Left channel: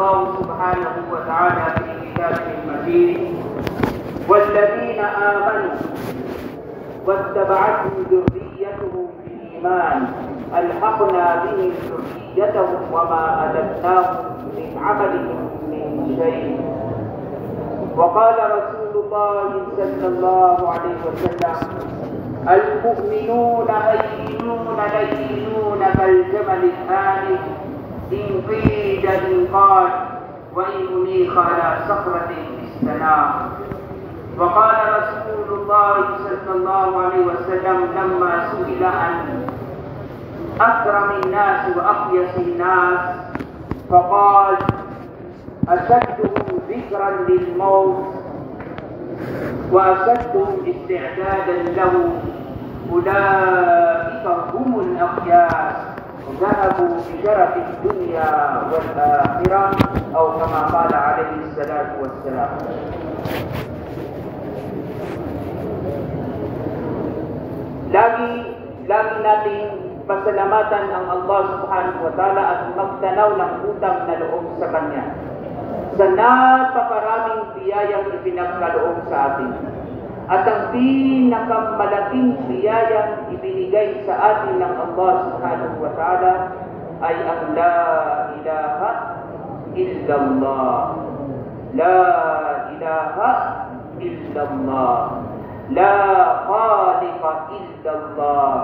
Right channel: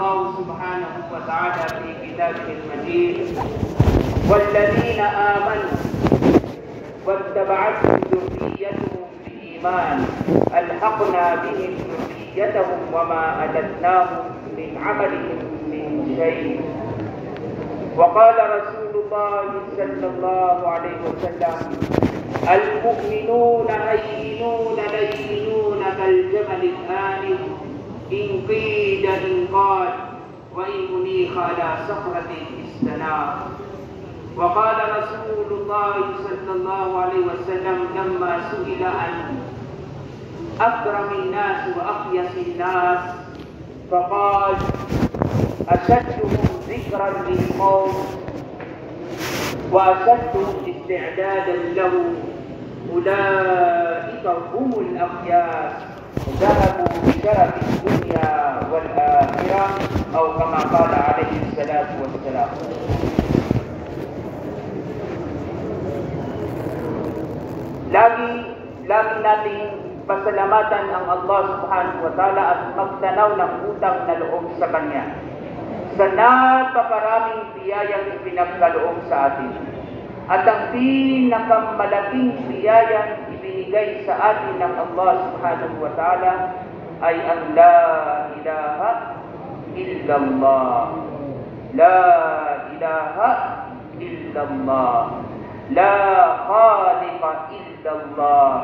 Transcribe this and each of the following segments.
الله سبحانه وتعالى في كتابه المجيد والذين آمنوا واتبعتهم ذريتهم بإيمان ألحقنا بهم ذريتهم وما ألتناهم من عملهم من شيء. وقال رسول الله صلى الله عليه وسلم المؤمنون هينون لينون كالجمل الآنف إن قيد إنقاد وإن أنيخ على صخرة استنام. وقال رسول الله صلى الله عليه وسلم لما سئل عن أكرم الناس وأقيس الناس فقال أشدهم ذكرا للموت وأشدهم استعدادا له أولئك هم الأخيار ذهبوا بشرف الدنيا والآخرة أو كما قال عليه الصلاة والسلام. Lagi nating pasalamatan ang Allah subhanahu wa ta'ala at magtanaw ng utang na loob sa Kanya sa napakaraming biyayang ipinagkaloob sa atin. At ang pinakamalaking biyayang ibinigay sa atin ng Allah subhanahu wa ta'ala ay ang la ilaha illallah. La ilaha illallah. La khaliqa illallah.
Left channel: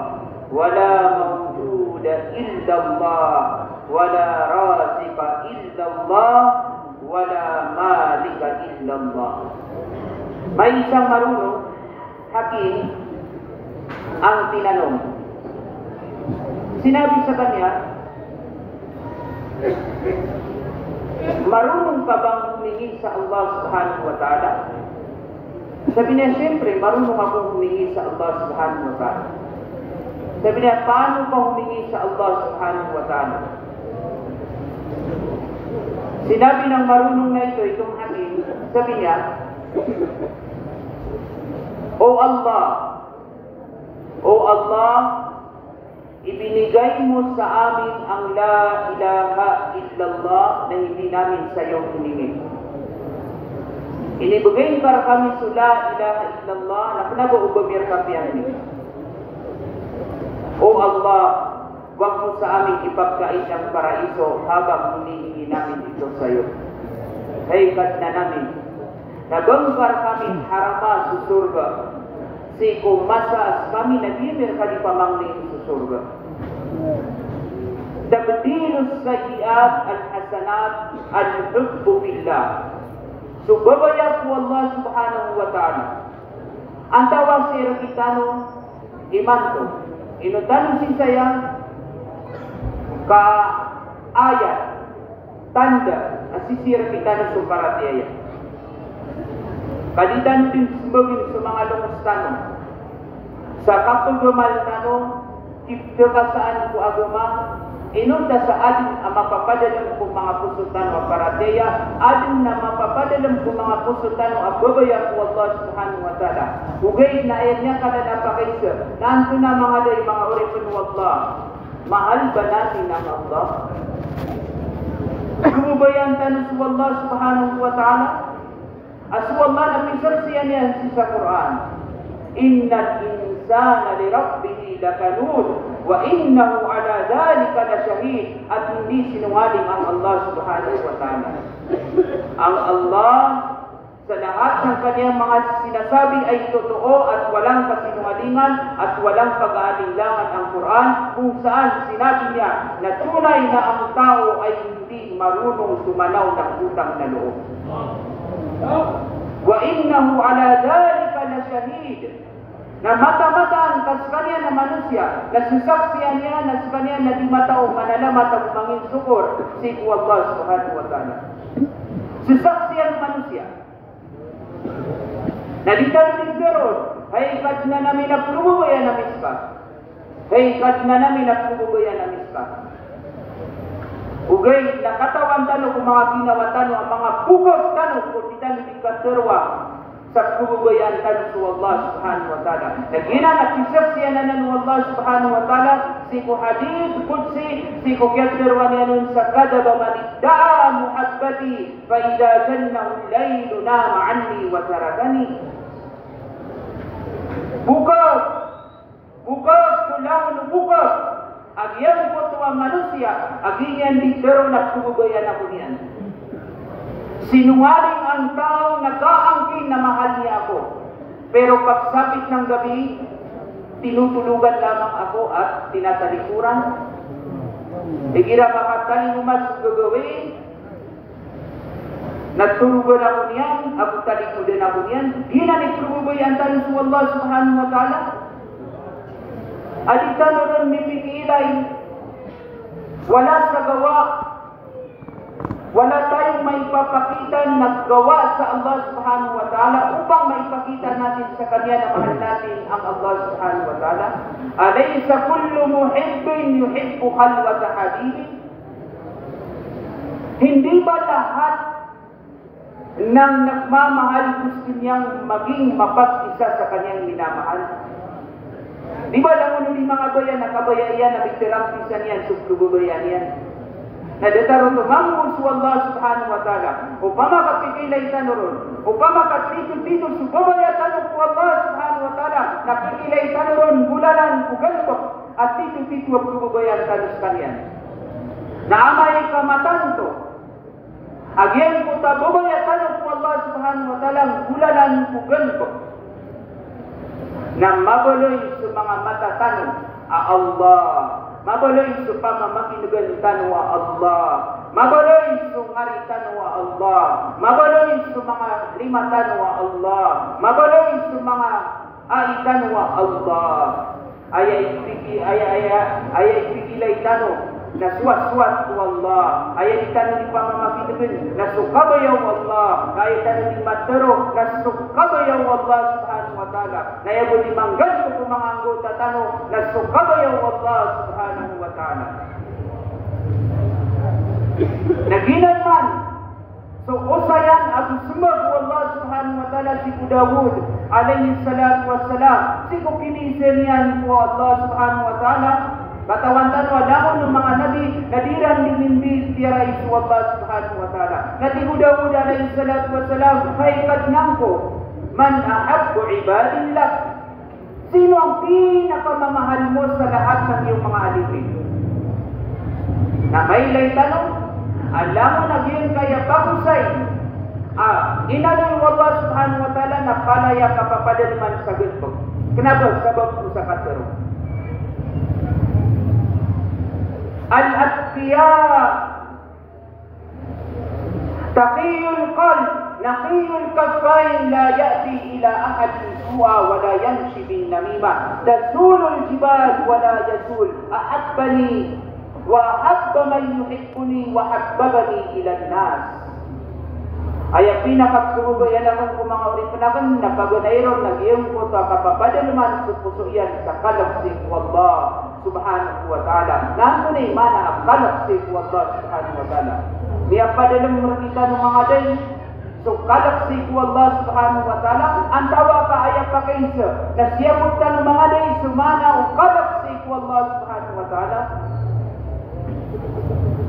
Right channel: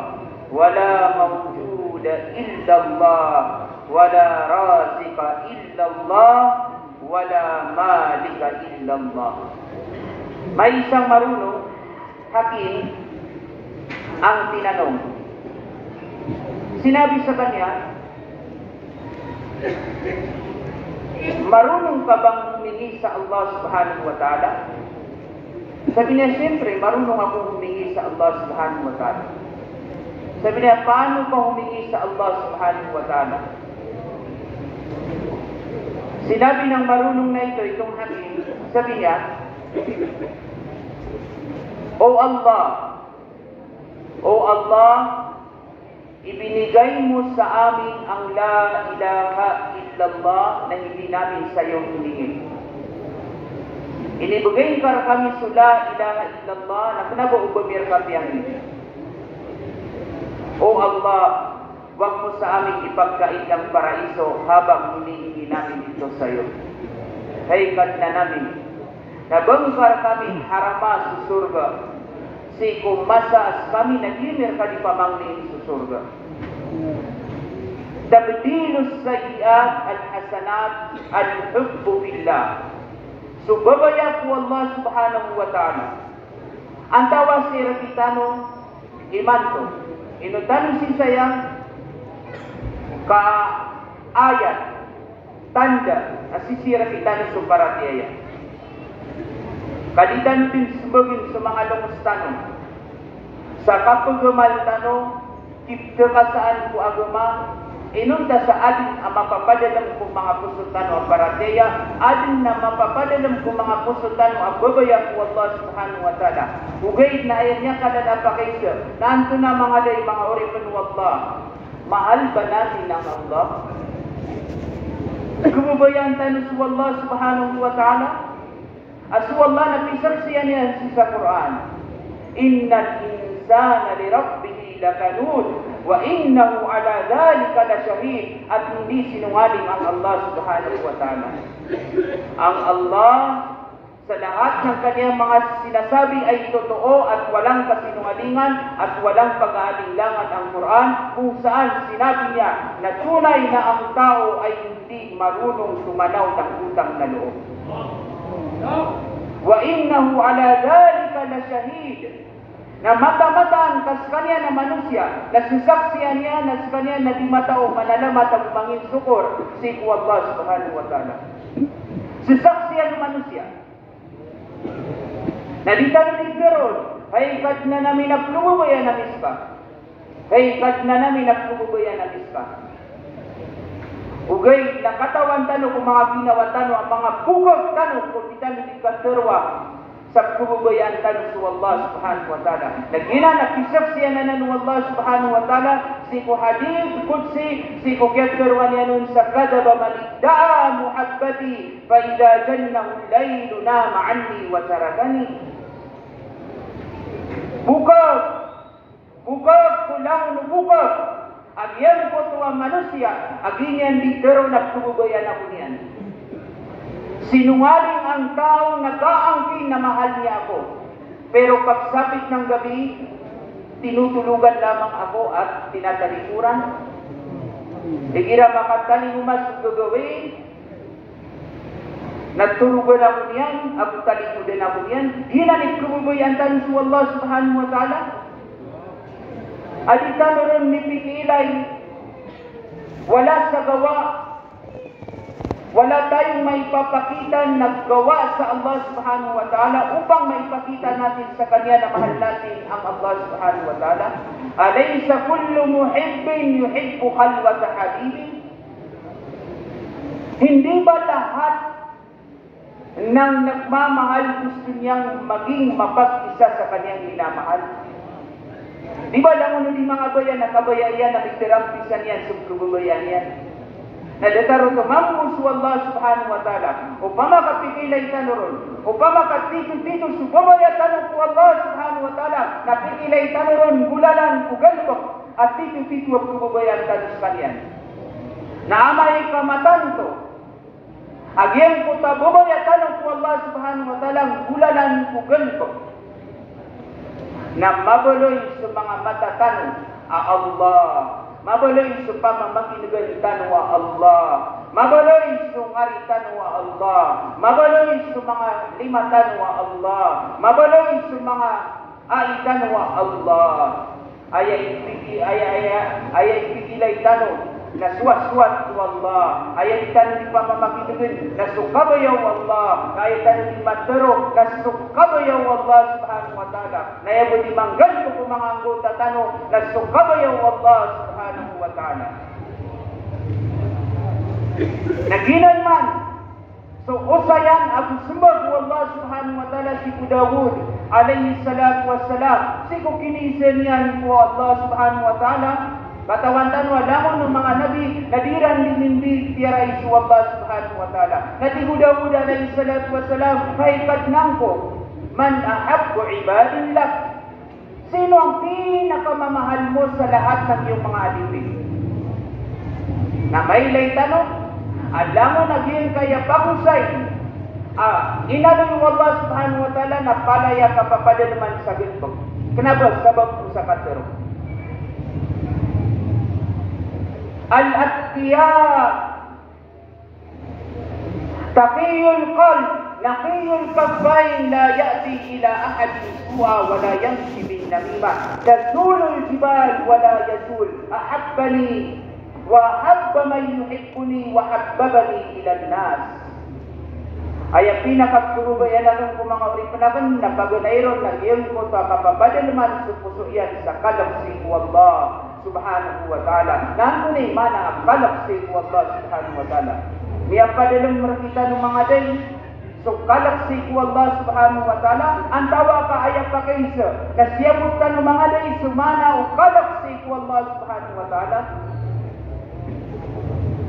Wala mawjuda illallah. Wala raziqa illallah. Wala malika illallah. May isang marunong hakim ang tinanong. Sinabi sa kanya, marunong ka bang humingi sa Allah subhanahu wa ta'ala? Sabi niya, siyempre, marunong akong humingi sa Allah subhanahu wa ta'ala. Sabi niya, paano ka humingi sa Allah subhanahu wa ta'ala? Sinabi ng marunong na ito, itong hakim, sabi niya, O Allah, ibinigay mo sa amin ang la ilaha illallah na hindi namin sa iyo hiningi. Inibigay para kami sa la ilaha illallah na kinabuubamir kami ang ini. O Allah, huwag mo sa amin ipagkait ng paraiso habang hinihingi namin ito sa iyo. Haykat na namin nabangkar kami harama sa surga. Si kumasas kami nagimir ka di pamangling sa surga. Tabdilus sayiat al-hasanat al-hubbu billah. Subabaya po Allah subhanahu wa ta'ala. Ang tawa si Rakitano imanto. Inutano si sayang ka ayat tanda na si Rakitano sumparatiyaya. Kadidan din sumagin sa mga lumustano. Sa kapagamal tano, kipkasaan ko agama, inunda sa adin ang mapapadalam ko mga pusutan o parateya, adin na mapapadalam ko mga pusutan o ababayan ko Allah subhanahu wa ta'ala. Ugay na ayan niya kada napakaisa, nanto na mga day mga oripin wa Allah. Mahal ba natin ang Allah? Gumabayan tayo sa Allah subhanahu wa ta'ala? Asu Allah napisar siya niya sa Quran. Innal insana li rabbih lakanud wa innahu ala dhalika lashahid. At hindi sinungaling ang Allah subhanahu wa ta'ala. Ang Allah sa lahat ng kanyang mga sinasabi ay totoo at walang kasinungalingan at walang pag-aalinlangan ang Quran kung saan sinabi niya na tunay na ang tao ay hindi marunong sumanaw ng utang na loob. Wa innahu ala dhalika lashahid. Na mata-mataan kas kanya na manusia, na sisaksiyan niya na sa kanya na di matao manalamat ang mangin syukur si Allah subhanahu wa ta'ala. Sisaksiyan manusia. Na di tayo nagkaroon, haykat na namin na pulubayan na miska. Haykat na namin na pulubayan na miska. Ugay, nakatawan tano kung mga ginawa tano, ang mga bugod tano kung di tayo nagkaterwa sa pulubayan tano sa Allah subhanahu wa ta'ala. Nagina, nakisaksiyan na ng Allah subhanahu wa ta'ala, si ko hadith kutsi, si ko katerwa niya nun sa kadaba manigdaa muhabbad الذي فإذا جنه الليل نام عني وتركني. Bukag kulang bukag agyan ko tuwa manusia aginyan dito nagtubugoyan ako niyan. Sinungaling ang taong nag-aangkin na mahal niya ako, pero pagsapit ng gabi tinutulugan lamang ako at tinatalikuran. Igira makatali umas gagawin, nagtulugan ako niyan, ako talikudan ako niyan. Di na nagtulugoy ang tanong sa Allah subhanahu wa ta'ala. Adita meron mipikilay, wala sa gawa, wala tayong maipapakita na gawa sa Allah subhanahu wa ta'ala upang maipakita natin sa Kanya na mahal natin ang Allah subhanahu wa ta'ala. Alaysa kullu muhibbin yuhibbu khalwata habibi? Hindi ba lahat ng nagmamahal gusto niyang maging mapag-isa sa Kanyang minamahal? Di ba lang di mga bayan, nakabayayan na bigtirampisan yan, subtububayan yan. Nadataro to mangus wallah subhanahu wa ta'ala. Upama kapikilay tanuron, upama kapitol-pitol subabayatan ko Allah subhanahu wa ta'ala, napikilay tanuron, gulalan, kugalbok, at pitol-pitol subabayan tanus kanyan. Naamay kamatan to, agyan ko tabubayatan ko Allah subhanahu wa ta'ala, gulalan, kugalbok, na mabuloy sa mga matatanong Allah, mabuloy sa pamamakinugan wa Allah, mabuloy sa ngaritan wa Allah, mabuloy sa mga limatan wa Allah, mabuloy sa mga aitan wa Allah. Ayay pigilay tanong na suwat-suwat ko Allah, ayay tanong ni pamamakinugan na sukabayaw Allah, ayay tanong ni matero na sukabayaw Allah subhanahu wa ta'ala, na yabo di manggal ko mga anggota tanong na sukabayaw Allah subhanahu wa ta'ala. Naginan man, so usayan at sumag ko Allah subhanahu wa ta'ala si Dawud alayhi salatu wassalam, si ko kinisilian ko Allah subhanahu wa ta'ala. Katawan-tan wala ng mga nabi, nadiran din tiyaray su Allah subhanahu wa ta'ala. Natibudawud alayhi salatu wassalam, haikat nangko, man ahabbu ibadillah. Sino ang pinakamamahal mo sa lahat ng iyong mga alipin? Na may lay tanong, alam mo naging kaya pagusay. Inalong Allah subhanahu wa ta'ala na palaya kapapada naman sa gitbog. Kenapa? Sabab mo sa katero. Al-atqiya taqiyul qalb naqiyul kaffain la ya'ti ila ahadin su'a wa la yamshi bin namimah tazulul jibal wa la yazul ahabbani wa habba man yuhibbuni wa habbabani ila an-nas. Ay pinakatubayan akong mga ulipanakan na pagunayron ng iyong ko ta kapapadalman sa puso yan sa kalabsing wallah subhanahu wa ta'ala. Nantunay mana ang kalabsing wallah subhanahu wa ta'ala. Miya padalang makita ng mga day. So kalabsing wallah subhanahu wa ta'ala. Ang tawa ka ayak ka kaisa na siyabot ka ng mga day sumana o kalabsing wallah subhanahu wa ta'ala.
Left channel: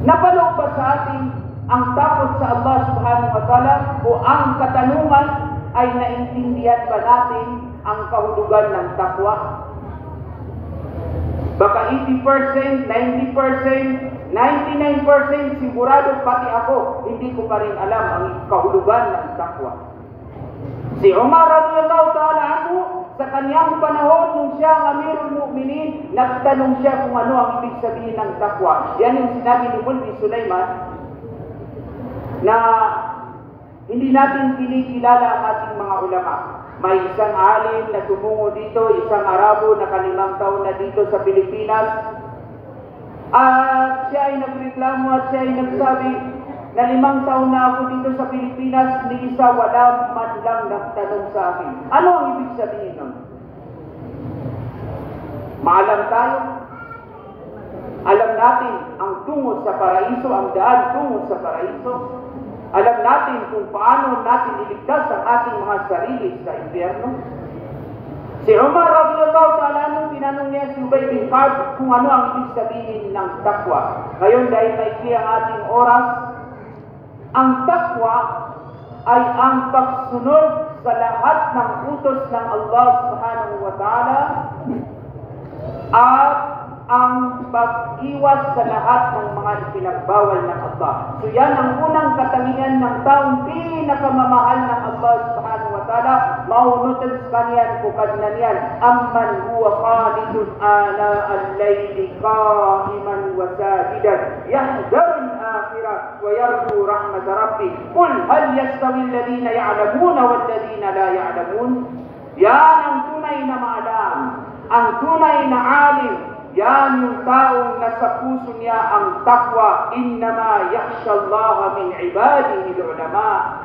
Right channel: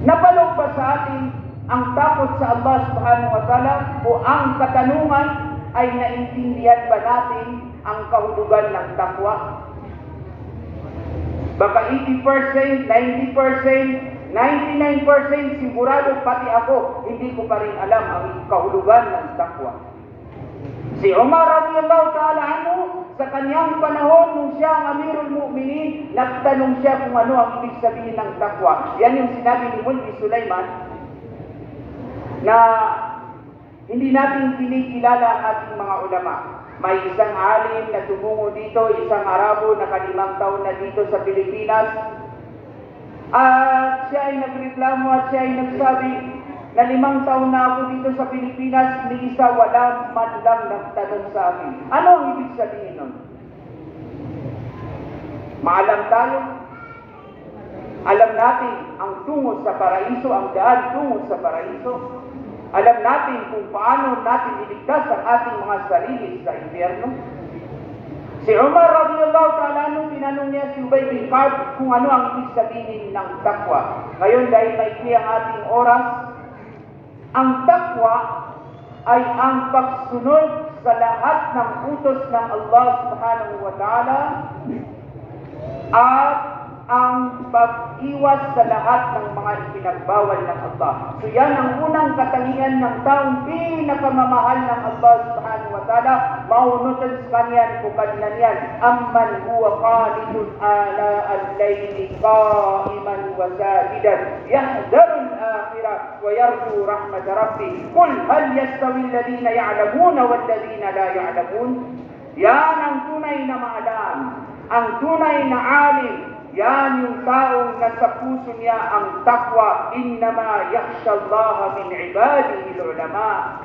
Napalog ba sa ating ang takot sa Allah subhanahu wa ta'ala o ang katanungan ay naintindihan ba natin ang kahulugan ng takwa? Baka 80%, 90%, 99% sigurado pati ako, hindi ko pa rin alam ang kahulugan ng takwa. Si Umar radiyallahu ta'ala anhu, sa kanyang panahon nung siya ang Amirul Mu'minin, nagtanong siya kung ano ang ibig sabihin ng takwa. Yan yung sinabi ni Mulki Sulaiman, na hindi natin pinikilala ang ating mga ulama. May isang alim na tumungo dito, isang Arabo na 5 taon na dito sa Pilipinas. At siya ay nagreklamo at siya ay nagsabi na 5 taon na ako dito sa Pilipinas, ni isa wala man lang nagtanong sa akin. Ano ang ibig sabihin nun? Maalam tayo. Alam natin ang tungo sa paraiso, ang daan tungo sa paraiso. Alam natin kung paano natin iligtas ang ating mga sarili sa impyerno. Si Umar radiyallahu ta'ala nung tinanong niya si Ubay bin Ka'b kung ano ang ibig sabihin ng takwa. Ngayon dahil maikli ang ating oras, Ang takwa ay ang pagsunod sa lahat ng utos ng Allah subhanahu wa ta'ala at ang pag-iwas sa lahat ng mga ipinagbawal ng Allah. So yan ang unang katangian ng taong pinakamamahal ng Allah subhanahu wa ta'ala. Maunutan sa kanyan kung kanyan yan. Amman huwa khalidun ala al-layli qa'iman wa sajidan yahdaru al-akhirah wa yarju rahmat rabbi. Qul hal yastawi alladhina ya'lamuna walladhina la ya'lamun. Yan ang tunay na maalam, ang tunay na alim. Yan yung taong nasa puso niya ang takwa. Innama yakhsha Allah min ibadihi al-ulama.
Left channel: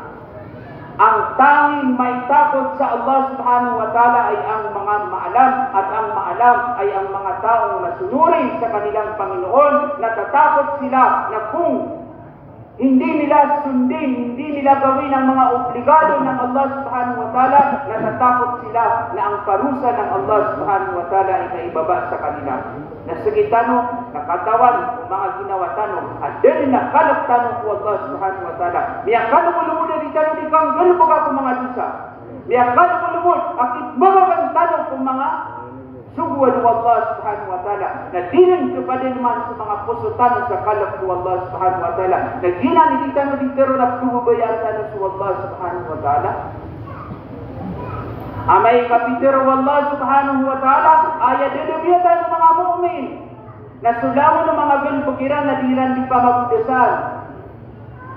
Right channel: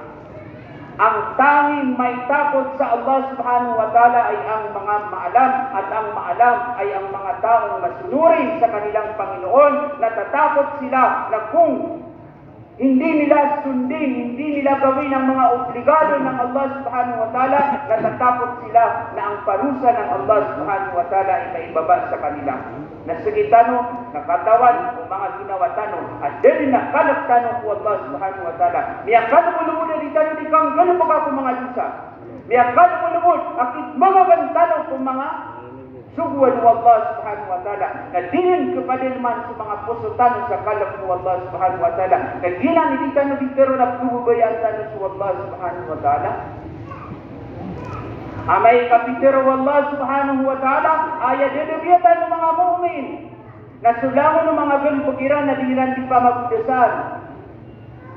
Ang tanging may takot sa Allah subhanahu wa ta'ala ay ang mga maalam, at ang maalam ay ang mga taong masunurin sa kanilang Panginoon. Natatakot sila na kung hindi nila sundin, hindi nila gawin ang mga obligado ng Allah subhanahu wa ta'ala, natatakot sila na ang parusa ng Allah subhanahu wa ta'ala ay maibaba sa kanila. Nasigitano, nakatawan, kung mga ginawa tanong, at din na kalap tanong ko Allah subhanahu wa ta'ala. Miyakano mo lumod na di tanong di kang gano'n pa ka kung mga dusa. Miyakano mo lumod, akit mga kang tanong kung mga sugwan ng Allah subhanahu wa ta'ala. Na dinan kepada naman sa mga pusutan sa kalap ng Allah subhanahu wa ta'ala. Na ginanilitan na dito na pububayaan tanong sa Allah subhanahu wa ta'ala. Amay kapitero Allah subhanahu wa ta'ala ayat dedebiyatan ng mga mu'min. Nasulamo ng mga ganpukiran na diran di pa magdasal.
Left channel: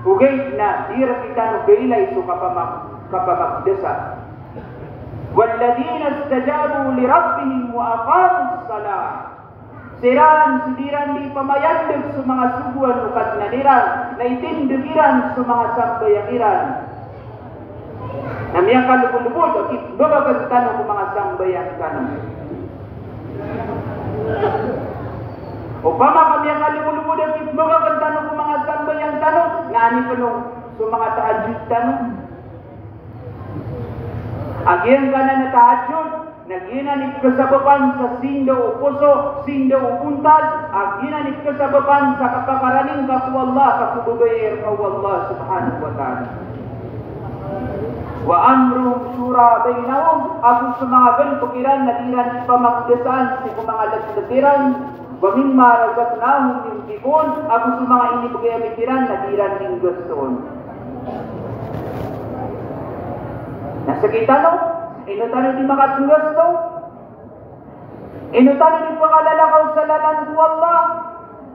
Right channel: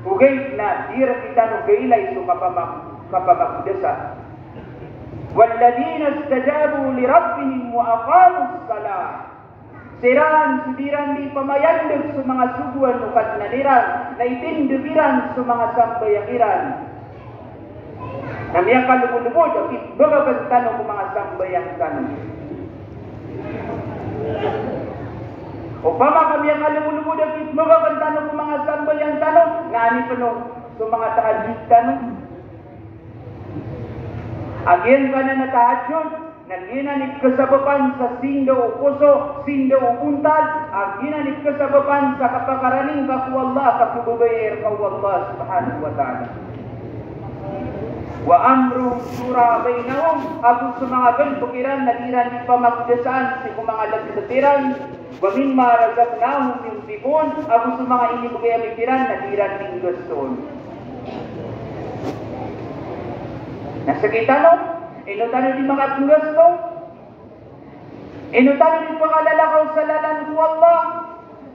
Ugay na dira kita no gaylay so kapamagdasal. وَالَّذِينَ اسْتَجَابُوا لِرَبِّهِمْ وَأَقَامُوا الصَّلَاةَ. Siran sudiran di pamayandag sa mga suguan o katnaniran na itindibiran sa mga sambayangiran. Namiyang kalubulubod o kitbabagagtan ng mga sambayang tanong. O pamakam kalubulubod o kitbabagagtan ng mga sambayang tanong, ngani pa nung sa mga tahajud tanong. Agyan ka na natahadyon, naginanip ka sa bapan sa sindo o puso, sindo o untad, aginanip ka sa bapan sa kapakaraning kaku Allah, kakububayir ka Allah subhanahu wa ta'ala. Wa amrum sura bainahum, ako sa mga ganpukiran na diran di pa magdasaan, si mga lagdatiran, wa mimma razaqnahum yunfiqun, ako sa mga inibigay-amikiran na diran ning gustoon. Nasa kita no? Inutano di mga tugas no? Inutano di pakalalakaw sa lalan ko Allah.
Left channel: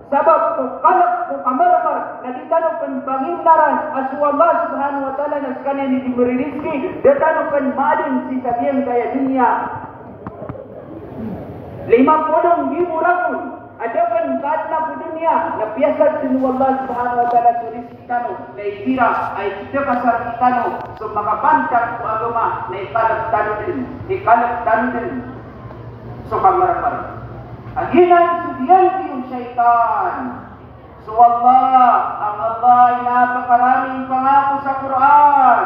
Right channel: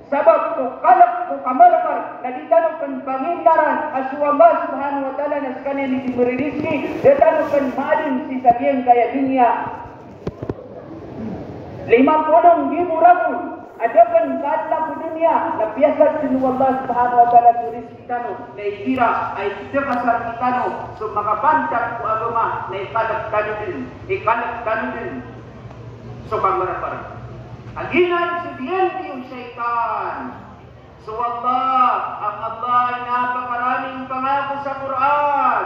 Sabab ko kalap ko kamarmar na di tanong kan pangindaran asu Allah subhanahu wa ta'ala na sekalian di diberi rizki. Dia tanong kan madin si sabihan kaya dunia. 50 ribu rakun. Ada kan kadla ke dunia na biasa sinu Allah subhanahu wa ta'ala tulis kita no na ikira ay kita pasal kita no so makabantak ko agama na ikalap tanong din so kamarapar aginan sudiyan yung syaitan. So Allah, ang Allah ay napakaraming pangako sa Quran.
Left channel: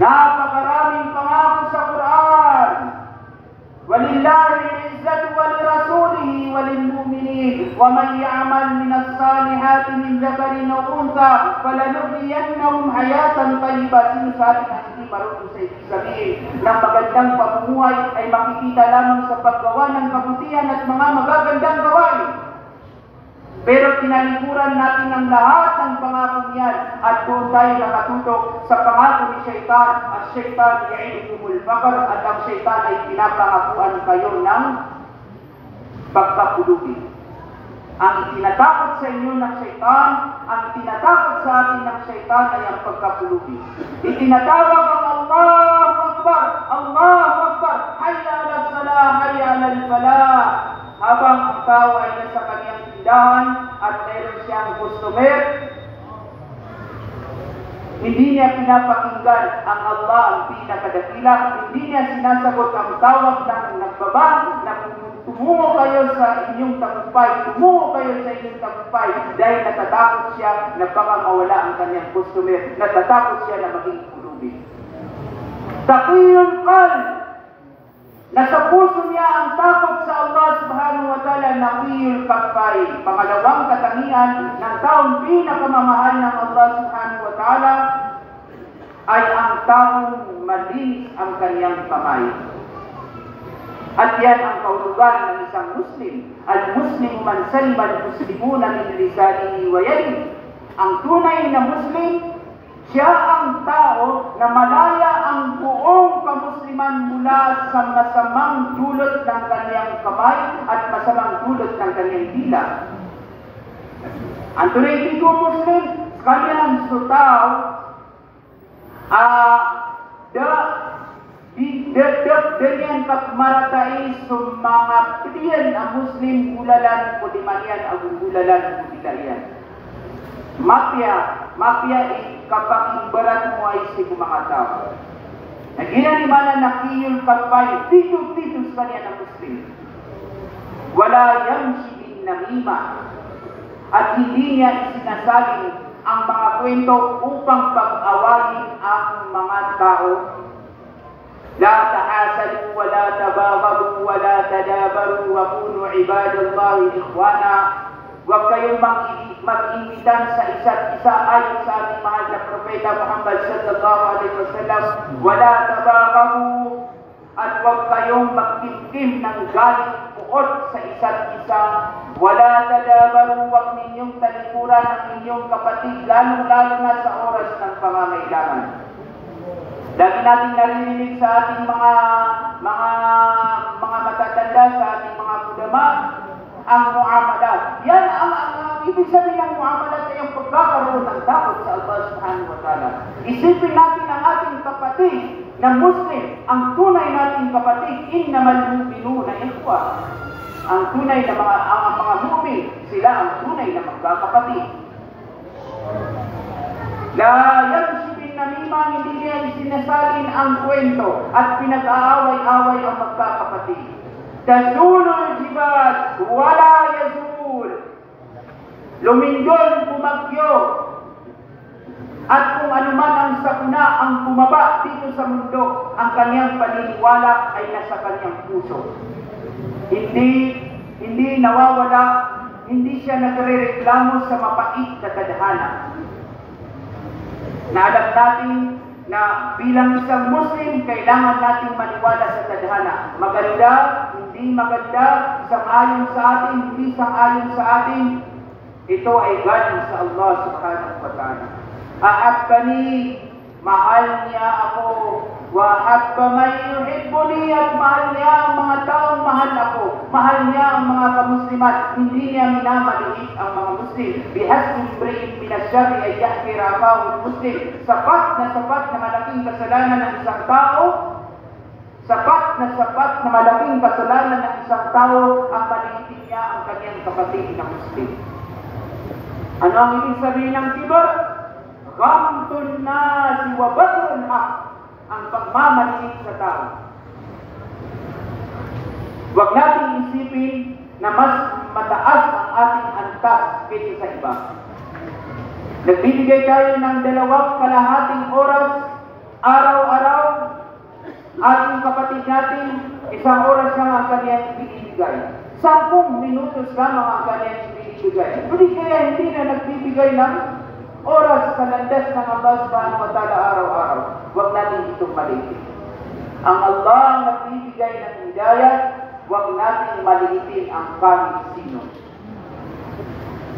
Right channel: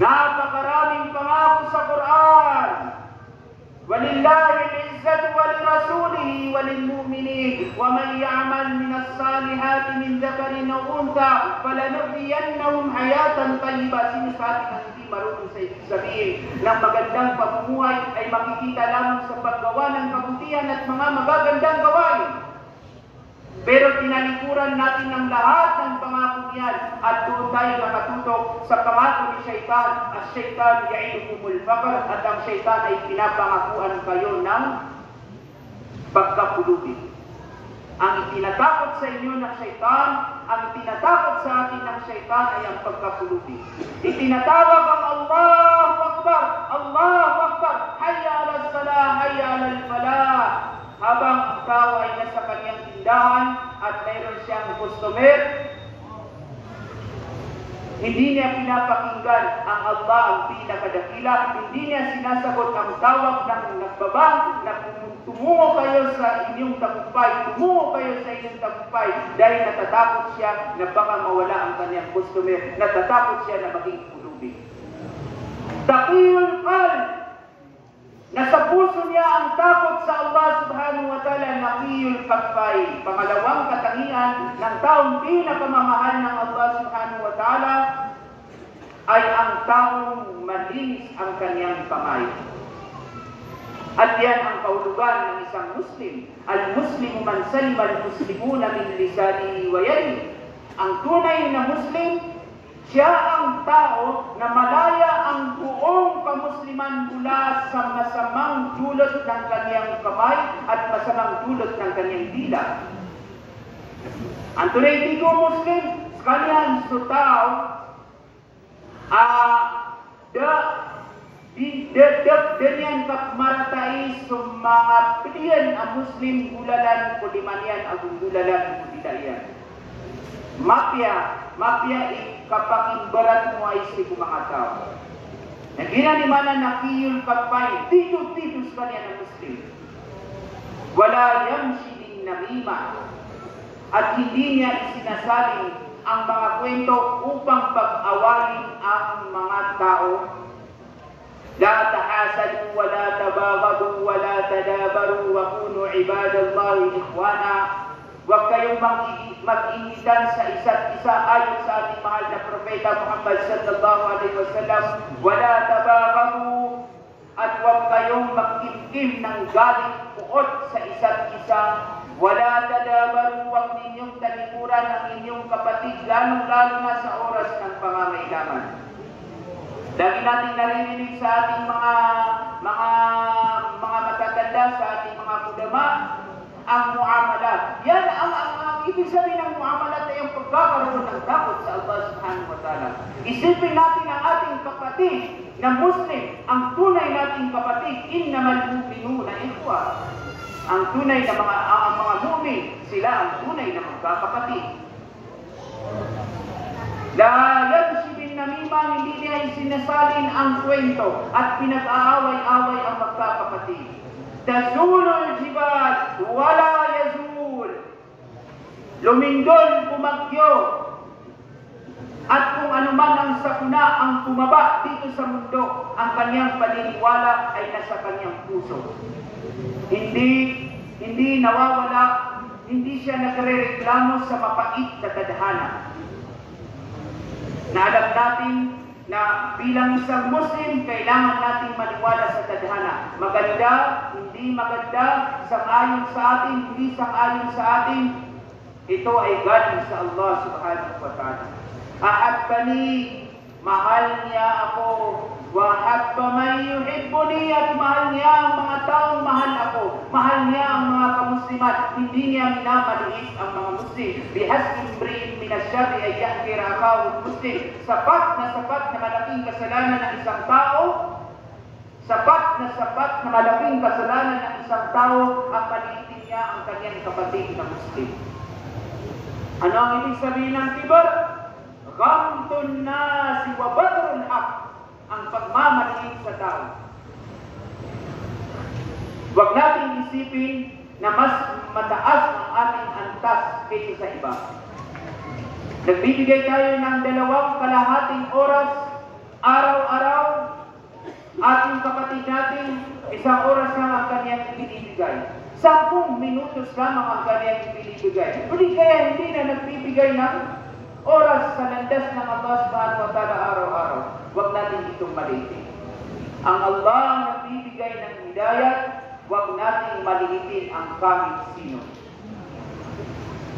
Napakaraming pangako sa Quran. وَلِلَّهِ الْعِزَّةُ وَلِرَسُولِهِ وَلِلْمُؤْمِنِينَ وَمَنْ يَعْمَلْ مِنَ الصَّالِحَاتِ مِنْ ذَكَرٍ أَوْ أُنْثَى فَلَنُحْيِيَنَّهُ حَيَاةً طَيِّبَةً. Sinasabi ng hindi marunong sabihin na magandang pamumuhay ay makikita lamang sa paggawa ng kabutihan at mga magagandang gawain. Pero tinalikuran natin ang lahat ng pangako niyan at doon tayo nakatutok sa pangako ni Shaitan. At Shaitan ya'idukumul faqr, at ang Shaitan ay pinapangakuan kayo ng pagkapulubi. Ang itinatakot sa inyo ng Shaitan, ang tinatakot sa atin ng Shaitan ay ang pagkapulubi. Itinatawag ang Allahu Akbar, Allahu Akbar, hayya ala salah, hayya ala falah. Habang ikaw ay nasa kanyang tindahan at meron siyang customer, hindi niya pinapakinggan ang Allah ang pinakadakila, hindi niya sinasagot ang tawag ng nagbaba na tumungo kayo sa inyong tagumpay, tumungo kayo sa inyong tagumpay, dahil natatakot siya na baka mawala ang kanyang customer, natatakot siya na maging pulubi. Taqiyul qalb, Nasa puso niya ang takot sa Allah subhanahu wa ta'ala, naqiyul kaffay. Pangalawang katangian ng taong pinakamamahal ng Allah subhanahu wa ta'ala ay ang taong malinis ang kanyang kamay. At yan ang kaulugan ng isang Muslim. Al-Muslim man salima al-Muslimuna min lisanihi wa yadihi. Ang tunay na Muslim, siya ang tao na malaya ang buong kamusliman mula sa masamang dulot ng kanyang kamay at masamang dulot ng kanyang dila. Ang tunay dito Muslim, sekalian sutao, Denian kakmaratai mga pilihan ang Muslim gulalan o dimanian ang gulalan o dilayan. Mafia kapag imbarat mo ay si mga tao. Nagina ni mana nakiyul kapay, tito sa kanya ng Muslim. Wala yamshi din namima. At hindi niya isinasaling ang mga kwento upang pag-awayin ang mga tao. La tahasadu wa la tabaghadu wa la tadabaru wa kunu ibadallahi ikhwana. Huwag kayong mag-ingitan sa isa't isa ayon sa ating mahal na Propeta Muhammad sallallahu alaihi wasallam. Wala tabaghadu, at huwag kayong magkimkim ng galit puot sa isa't isa. Wala tadabaru, huwag ninyong talikuran ang inyong kapatid, lalo-lalo na sa oras ng pangangailangan. Lagi natin naririnig sa ating mga matatanda, sa ating mga ulama, ang muamalat. Yan ang ibig sabihin ng muamalat ay ang pagkakaroon ng takot sa Allah subhanahu wa ta'ala. Isipin natin ang ating kapatid na Muslim, ang tunay nating kapatid, innamal mu'minuna ikhwa. Ang tunay na mga mu'min, sila ang tunay na magkakapatid. La yansi bin namima, hindi niya isinasalin ang kwento at pinag-aaway-away ang magkakapatid. Tazulul jibal, wala yazul. Lumindol, bumagyo. At kung anuman ang sakuna ang bumaba dito sa mundo, ang kanyang paniniwala ay nasa kanyang puso. Hindi nawawala, hindi siya nagrereklamo sa mapait na tadhana. Naalam natin na bilang isang Muslim, kailangan natin maniwala sa tadhana. Maganda, hindi maganda, sang-ayon sa atin, hindi sang-ayon sa atin, ito ay galing sa Allah subhanahu wa ta'ala. Ahabbani, mahal niya ako. Wa habba man yuhibbuni, at mahal niya ang mga taong mahal ako. Mahal niya ang mga kamuslimat. Hindi niya minamaliit ang mga Muslim. Bihasbi imri'in min asyarri ay yahkira akahu Muslim. Sapat na malaking kasalanan ng isang tao. Sapat na malaking kasalanan ng isang tao ang maliitin niya ang kanyang kapatid na Muslim. Ano ang ibig sabihin ng kibar? Ghamtun nasi wa badrul haq, ang pagmamaliit sa tao. Huwag nating isipin na mas mataas ang ating antas kaysa sa iba. Nagbibigay tayo ng 2.5 oras araw-araw. Ating kapatid natin, 1 oras lang ang kanyang ibinibigay. 10 minutos lamang ang kanyang ibinibigay. Hindi kaya hindi na nagbibigay ng oras sa landas ng Allah subhanahu wa ta'ala araw-araw. Huwag natin itong maliitin. Ang Allah ang nagbibigay ng hidayah, huwag natin maliitin ang kahit sino.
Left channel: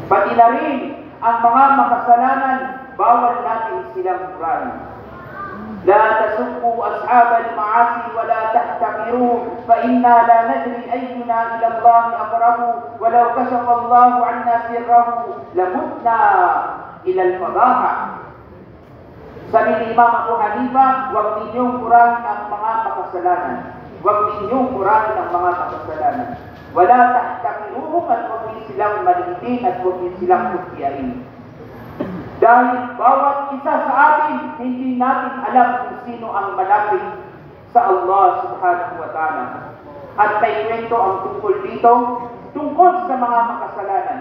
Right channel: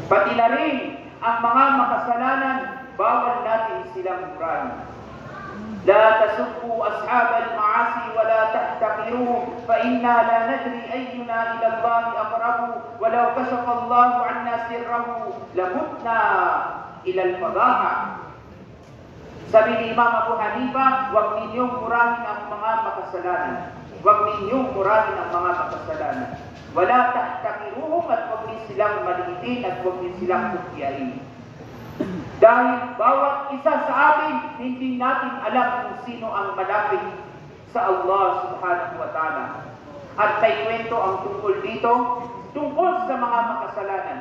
Pati na rin ang mga makasalanan, bawal natin silang murahin. La tasubbu ashab al-ma'asi wa la tahtaqiruhum fa inna la nadri ayyuna ila Allah aqrabu wa law kashafa Allah 'anna sirrahu lamutna ila al-fadaha. Sabi ni Imam Abu Hanifa, huwag ninyong murahin ang mga makasalanan. Huwag ninyong murahin ang mga makasalanan. Wala tahtaqiruhum, at huwag niyo silang maliitin at huwag niyo silang kutyain. Dahil bawat isa sa atin, hindi natin alam kung sino ang malapit sa Allah subhanahu wa ta'ala. At may kwento ang tungkol dito, tungkol sa mga makasalanan.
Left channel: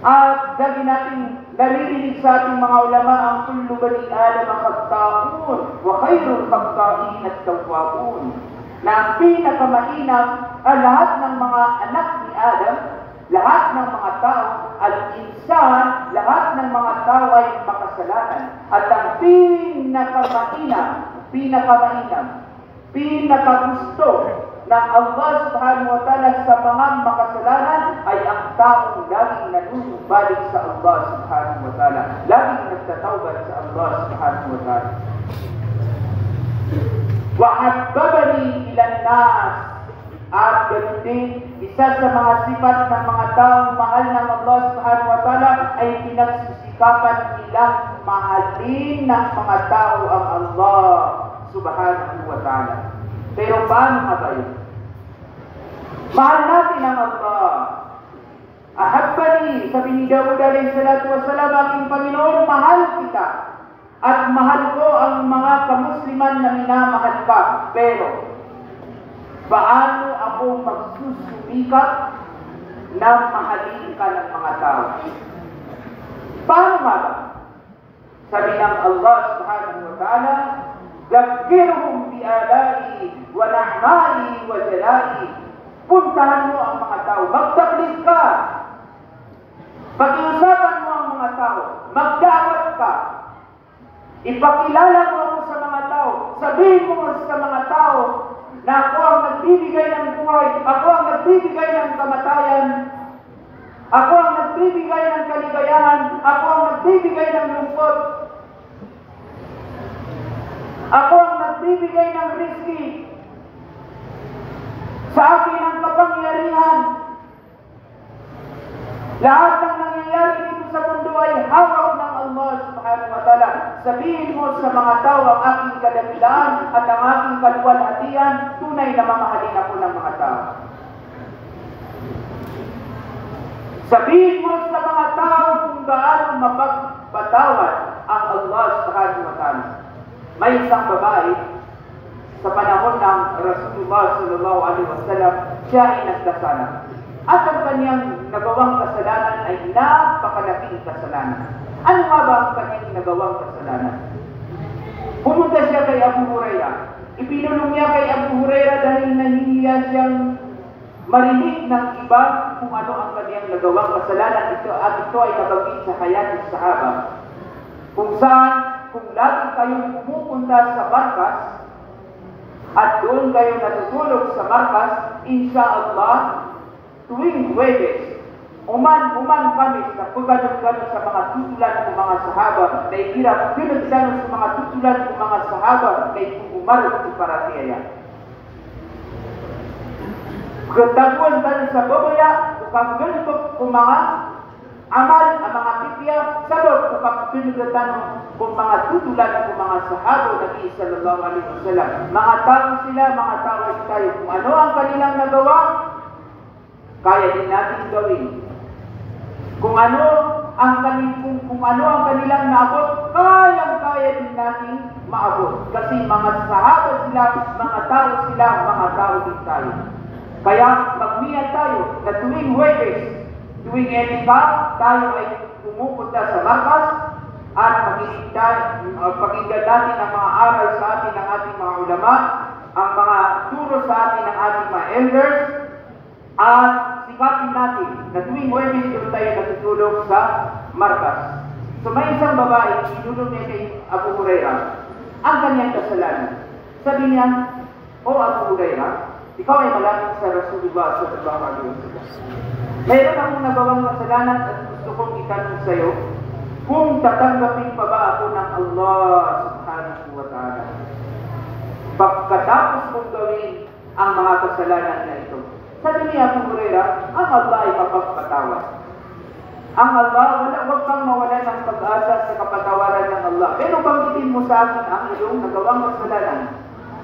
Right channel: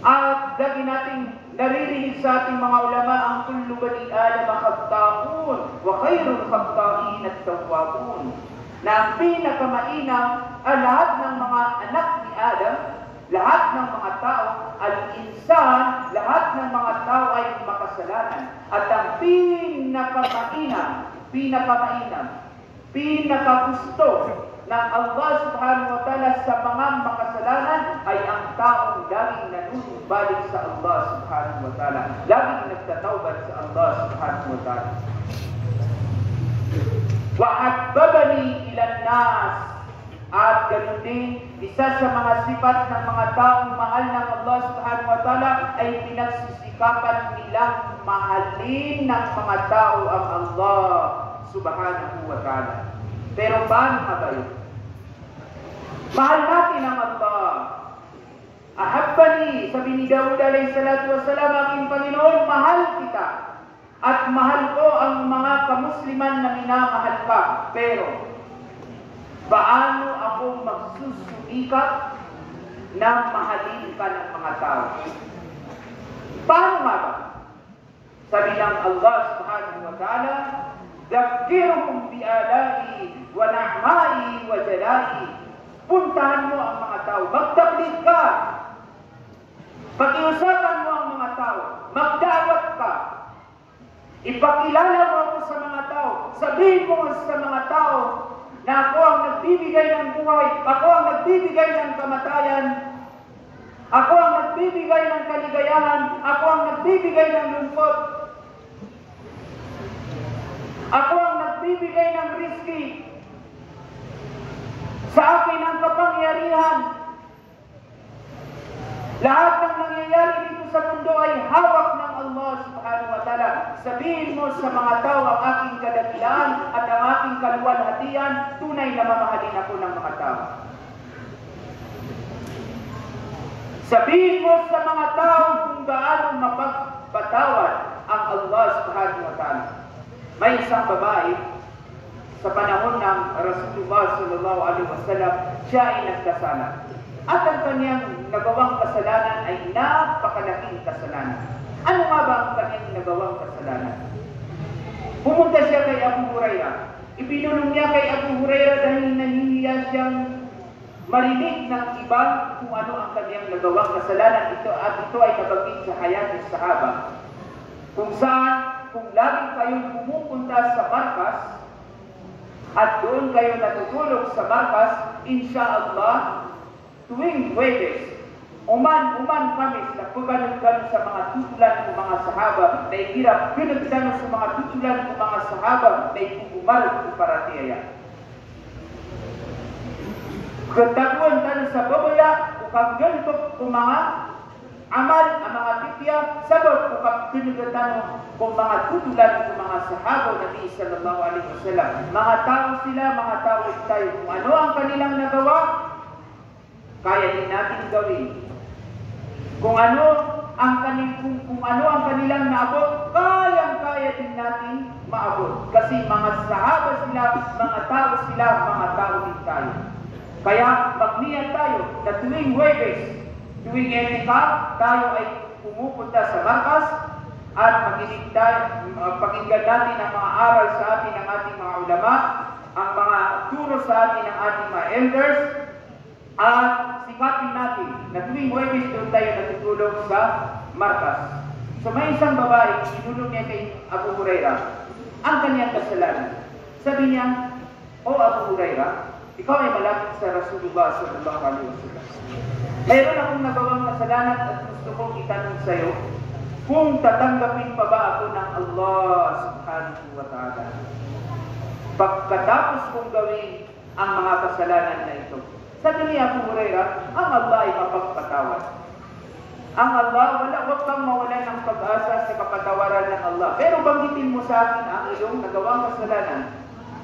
At lagi nating naririnig sa ating mga ulama ang kullu bani Adam khata'un wa khairul khata'in at tawwabun. na ang pinakamainam ay lahat ng mga anak ni Adam, lahat ng mga tao, al-insan, lahat ng mga tao ay makasalanan. At ang pinakagusto ng Allah subhanahu wa ta'ala sa mga makasalanan ay ang taong laging nanunumbalik sa Allah subhanahu wa ta'ala, laging nagtatawbad sa Allah subhanahu wa ta'ala. وَحَبَّبَنِي إِلَى النَّاسِ. At ganun din, isa sa mga sifat ng mga taong mahal ng Allah subhanahu wa ta'ala ay pinagsisikapan nilang mahalin ng mga tao ang Allah subhanahu wa ta'ala. Pero paano nga ba yun? Mahal natin ang Allah. Ahabbani, sabi ni Dawud alayhi salatu wasalam, aking Panginoon, mahal kita. At mahal ko ang mga kamusliman na minamahal ka. Pero, paano ako magsusumikap na mahalin ka ng mga tao? Paano nga ba? Sabi ng Allah subhanahu wa ta'ala, Zakirhum bi'alai wa na'mai wa jalai. Puntahan mo ang mga tao. Magtablig ka. Pakiusapan mo ang mga tao. Magdawat ka. Ipakilala mo ako sa mga tao. Sabihin mo sa mga tao na ako ang nagbibigay ng buhay. Ako ang nagbibigay ng kamatayan. Ako ang nagbibigay ng kaligayahan. Ako ang nagbibigay ng lungkot. Ako ang nagbibigay ng rizki. Sa akin ang kapangyarihan. Lahat ng nangyayari dito sa mundo ay hawak ng Allah subhanahu wa ta'ala. Sabihin mo sa mga tao ang aking kadakilaan at ang aking kaluwalhatian, tunay na mamahalin ako ng mga tao. Sabihin mo sa mga tao kung gaano mapagpatawad ang Allah subhanahu wa ta'ala. May isang babae sa panahon ng Rasulullah sallallahu alaihi wasallam, siya ay nagkasala. At ang kanyang nagawang kasalanan ay napakalaking kasalanan. Ano nga ba ang kanyang nagawang kasalanan? Pumunta siya kay Abu Hurairah. Ipinulong niya kay Abu Hurairah dahil nahihiya siyang marinig ng iba kung ano ang kanyang nagawang kasalanan. Ito ay nabanggit sa hayat ng sahaba. Kung saan, kung lagi kayong pumupunta sa markas at doon kayo natutulog sa markas, insha'Allah, tuwing Huwebes, uman kami sa pagganon-ganon sa mga tutulan ng mga sahaba na ikirap pinagdanon sa mga tutulan ng mga sahaba na ikukumarot ko para tiya. Kataguan tayo sa babaya, kung ganito kung mga amal, ang mga pitya, sabot kung pinagdanon kung mga tutulan ng mga sahaba Nabi sallallahu alaihi wasallam. Mga tao sila, mga tao tayo. Kung ano ang kanilang nagawa, kaya din natin gawin. Kung ano ang kanilang naabot, kaya din natin maabot. Kasi mga sahaba sila, mga tao din tayo. Kaya magniya tayo na tuwing Huwebes, tuwing Enika, tayo ay pumupunta sa markas at pakinggan natin ang mga aral sa atin ng ating mga ulama, ang mga turo sa atin ng ating mga elders, at sikapin natin na tuwing Huwebes doon tayo natutulog sa markas. So may isang babae, inulong niya kay Abu Hurairah ang kanyang kasalanan. Sabi niya, O Abu Hurairah, ikaw ay malapit sa Rasulullah sallallahu alaihi wasallam. Mayroon akong nagawang kasalanan at gusto kong itanong sa iyo kung tatanggapin pa ba ako ng Allah subhanahu wa ta'ala pagkatapos kong gawin ang mga kasalanan na ito. Sabi niya Abu Hurairah, ang Allah ay kapagpatawad. Ang Allah, huwag kang mawala ng pag-asa sa kapatawaran ng Allah. Pero banggitin mo sa akin ang iyong nagawang kasalanan.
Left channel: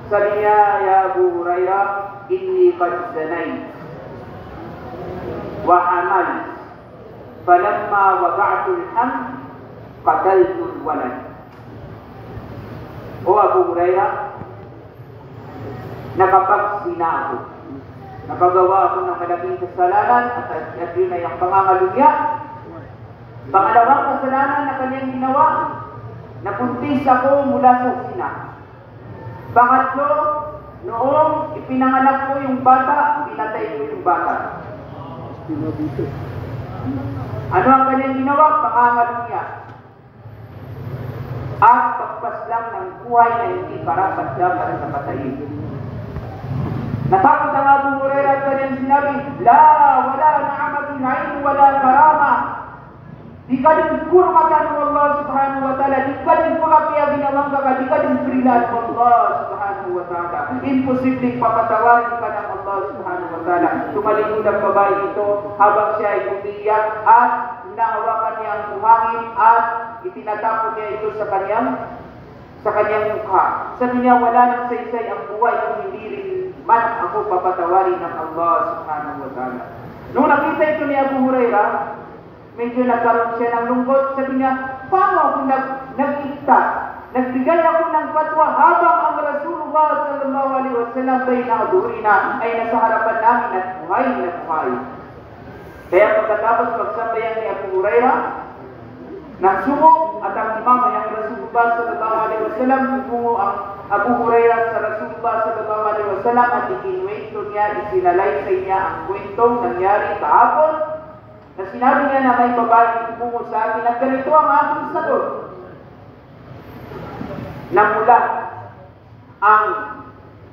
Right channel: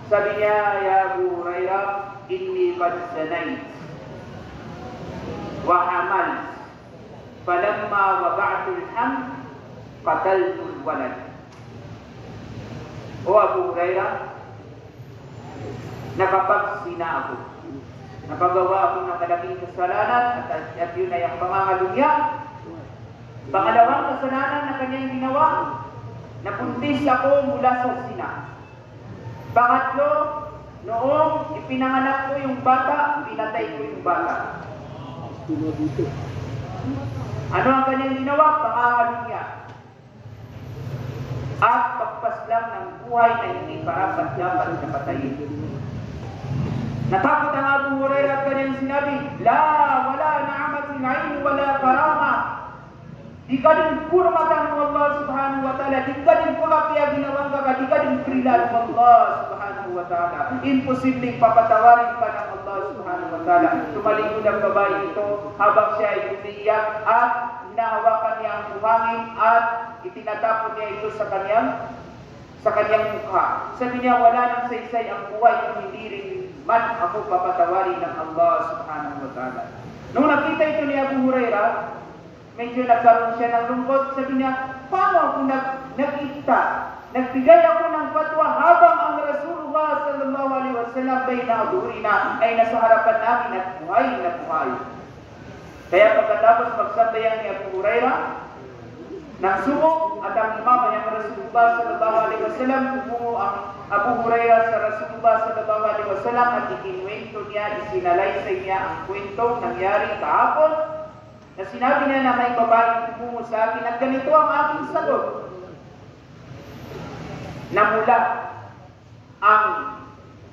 Sabi niya, Ya Abu Hurairah, inni qad zanayt wa hamal falamma wada'tu al-hamd qataltu al-walad. O Abu Hurairah, nakapagsina ako. Napagawa ako ng malaking kasalanan at yun ay ang pangangalugya. Pangalawang kasalanan na kanyang ginawa, napuntis ako mula sa zina. Pangatlo, noong ipinanganak ko yung bata, pinatay ko yung bata. Ano ang kanyang ginawa? Pangangalunya. At pagpas lang ng buhay na hindi karapat dapat na patayin. Natakot ang Abu Hurairah at kanyang sinabi, wala na'amatul ayn, wala karama. Di ka din purmatan ng Allah subhanahu wa ta'ala. Di ka din pagkakaya ginawang ka. Di ka din prilan ng Allah subhanahu wa ta'ala. Imposibleng papatawarin ka ng Allah subhanahu wa ta'ala. Tumalikod ang babae ito habang siya ay umiiyak at hinahawakan niya ang buhangin at itinatapon niya ito sa kanyang mukha. Sabi niya, wala nang saysay ang buhay kung hindi rin man ako papatawarin ng Allah subhanahu wa ta'ala. Nung nakita ito ni Abu Hurairah, medyo nagkaroon siya ng lungkot. Sabi niya, paano ako nag-ikta? Nagbigay ako ng fatwa habang ang Rasulullah sallallahu alaihi wasallam ay nasa harapan namin at buhay na buhay. Kaya pagkatapos magsabayang ni Abu Hurairah, nagsuko at ang imam ng Rasulullah sallallahu alaihi wasallam, tumungo ang Abu Hurairah sa Rasulullah sallallahu alaihi wasallam at ikinuwento niya, isinalaysay niya ang kwentong nangyari kahapon, na sinabi niya na may babae tumungo sa akin at ganito ang aking sagot. Namula ang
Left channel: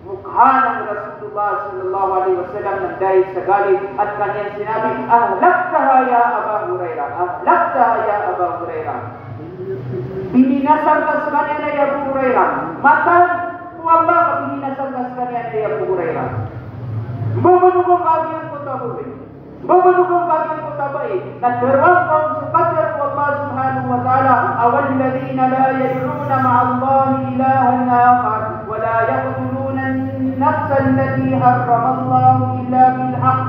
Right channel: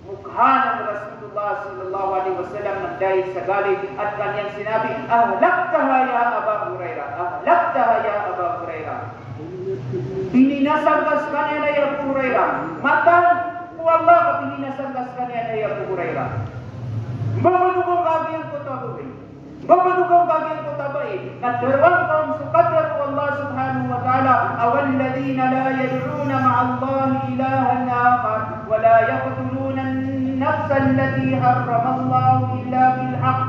mukha ng Rasulullah sallallahu alaihi wasallam ng dahil sa galit at kanyang sinabi, ahlaktaha ya Aba Hurairah, ahlaktaha ya Aba Hurairah. Bininasal ka sa kanya na Abu Hurairah. Matan mo Allah ka bininasal ka sa kanya na Abu Hurairah. Mamanugong kagiyang kutaboy. Mamanugong kagiyang kutaboy. Nagdarwang kaong sukadar ko Allah subhanahu wa ta'ala. Awalladina la yadruna ma'allahi ilahan akhar. Wala yaqtuluna an-nafsa allati harrama Allah illa bilhaq.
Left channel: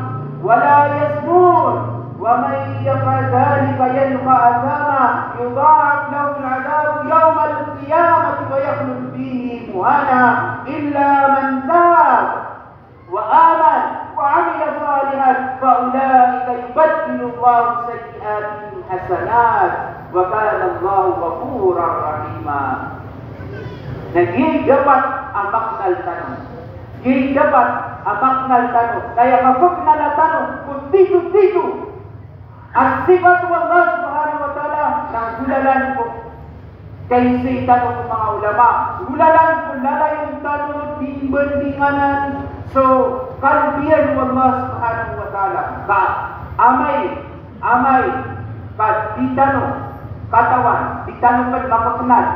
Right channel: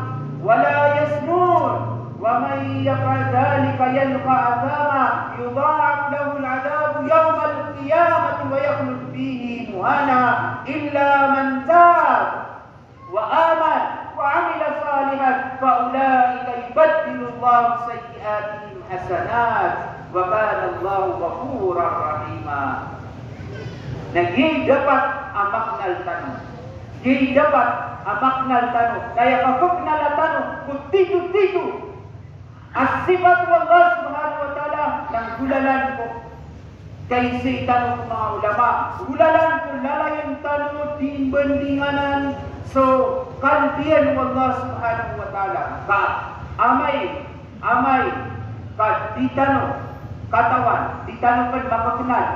Wala yasnun. ومن يفعل ذلك يلقى أثاما يضاعف له العذاب يوم القيامة ويخلد فيه مهانا إلا من تاب وآمن وعمل صالحا فأولئك يبدل الله سيئاتهم حسنات وكان الله غفورا رحيما. Naging dapat amak nal tanong. Naging dapat amak nal tanong. Kaya kapag nalatanong, kunti-kunti at sifat ng Allah subhanahu wa ta'ala ng gulalan ko. Kaya sa itanong ng mga ulama, gulalan ko lalayan tanong diimbandinganan. So, kalbiyan ng Allah subhanahu wa ta'ala. Amay, ditanong, katawan, ditanong kan makakenal.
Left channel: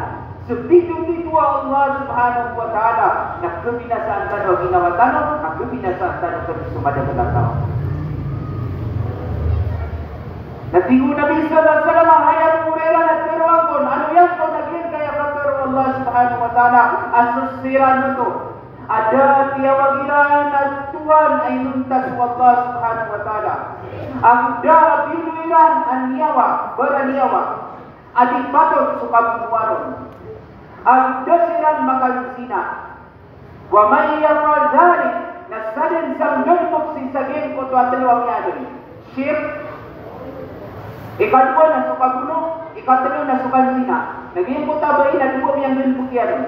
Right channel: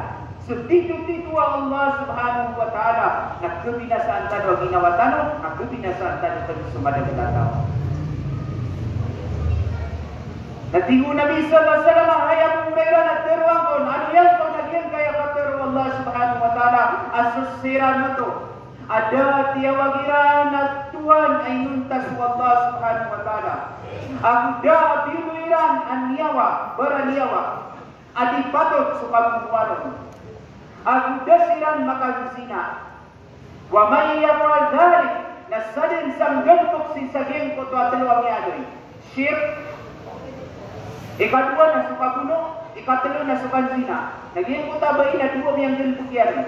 So, dito Allah subhanahu wa ta'ala, nagkabinasaan tanong, ginawa tanong, nagkabinasaan tanong kan sumadagdag tao. Natigo Nabi sallallahu alaihi wasallam ay Abu Hurairah nagtiruan ko ano yan kung naging kaya katero Allah subhanahu wa ta'ala asusira na to ada tiyawagiran at tuwan ay nuntas wa Allah subhanahu wa ta'ala ang da biluiran ang niyawa baraniyawa adipatot sukabuwaron ang dasiran makalusina wa may yafal dhalik nasadin sang gulpok si saging ko tuwatalo ang yagri shirk. Ikatlo na sukaguno, ikatlo na sukansina. Naging ko tabay na duwa miyang gilpukyan.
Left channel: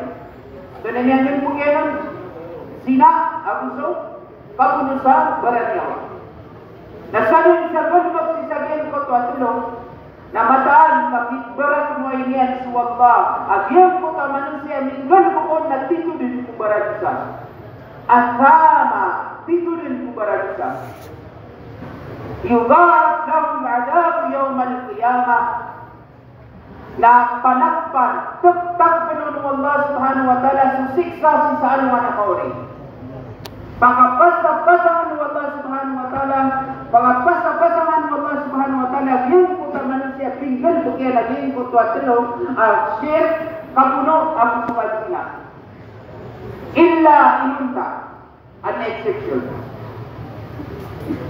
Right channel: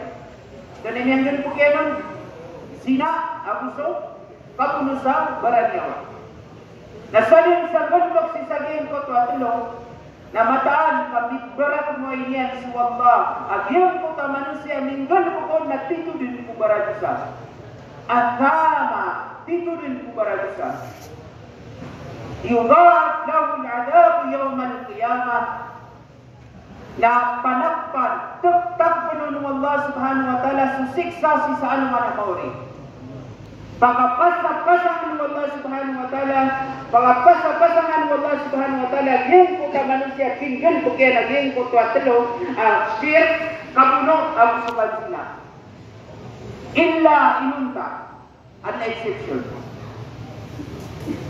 Doon na miyang gilpukyan sina, abuso, kaguno sa baranyawa. Nasalin sa gulpok si saging ko tuwatlo, na mataan kapitbarat mo iniyan sa Allah. Agyan ko ka manusia, minggal ko ko na tito din ko baradisa. Akama, tito din ko baradisa. Yudha'af lahu al-'adab yawm al-qiyamah. Na panakpan, tuktak ng Allah subhanahu wa ta'ala susiksa si sa anuman na kauri. Pagkapasapasangan ng Allah subhanahu wa ta'ala, pagkapasapasangan ng Allah subhanahu wa ta'ala, yung po ka manusia, kinggol po kaya naging po tuwatalo, shirk, kapuno, ang suwad sila. Illa inunta, an exception.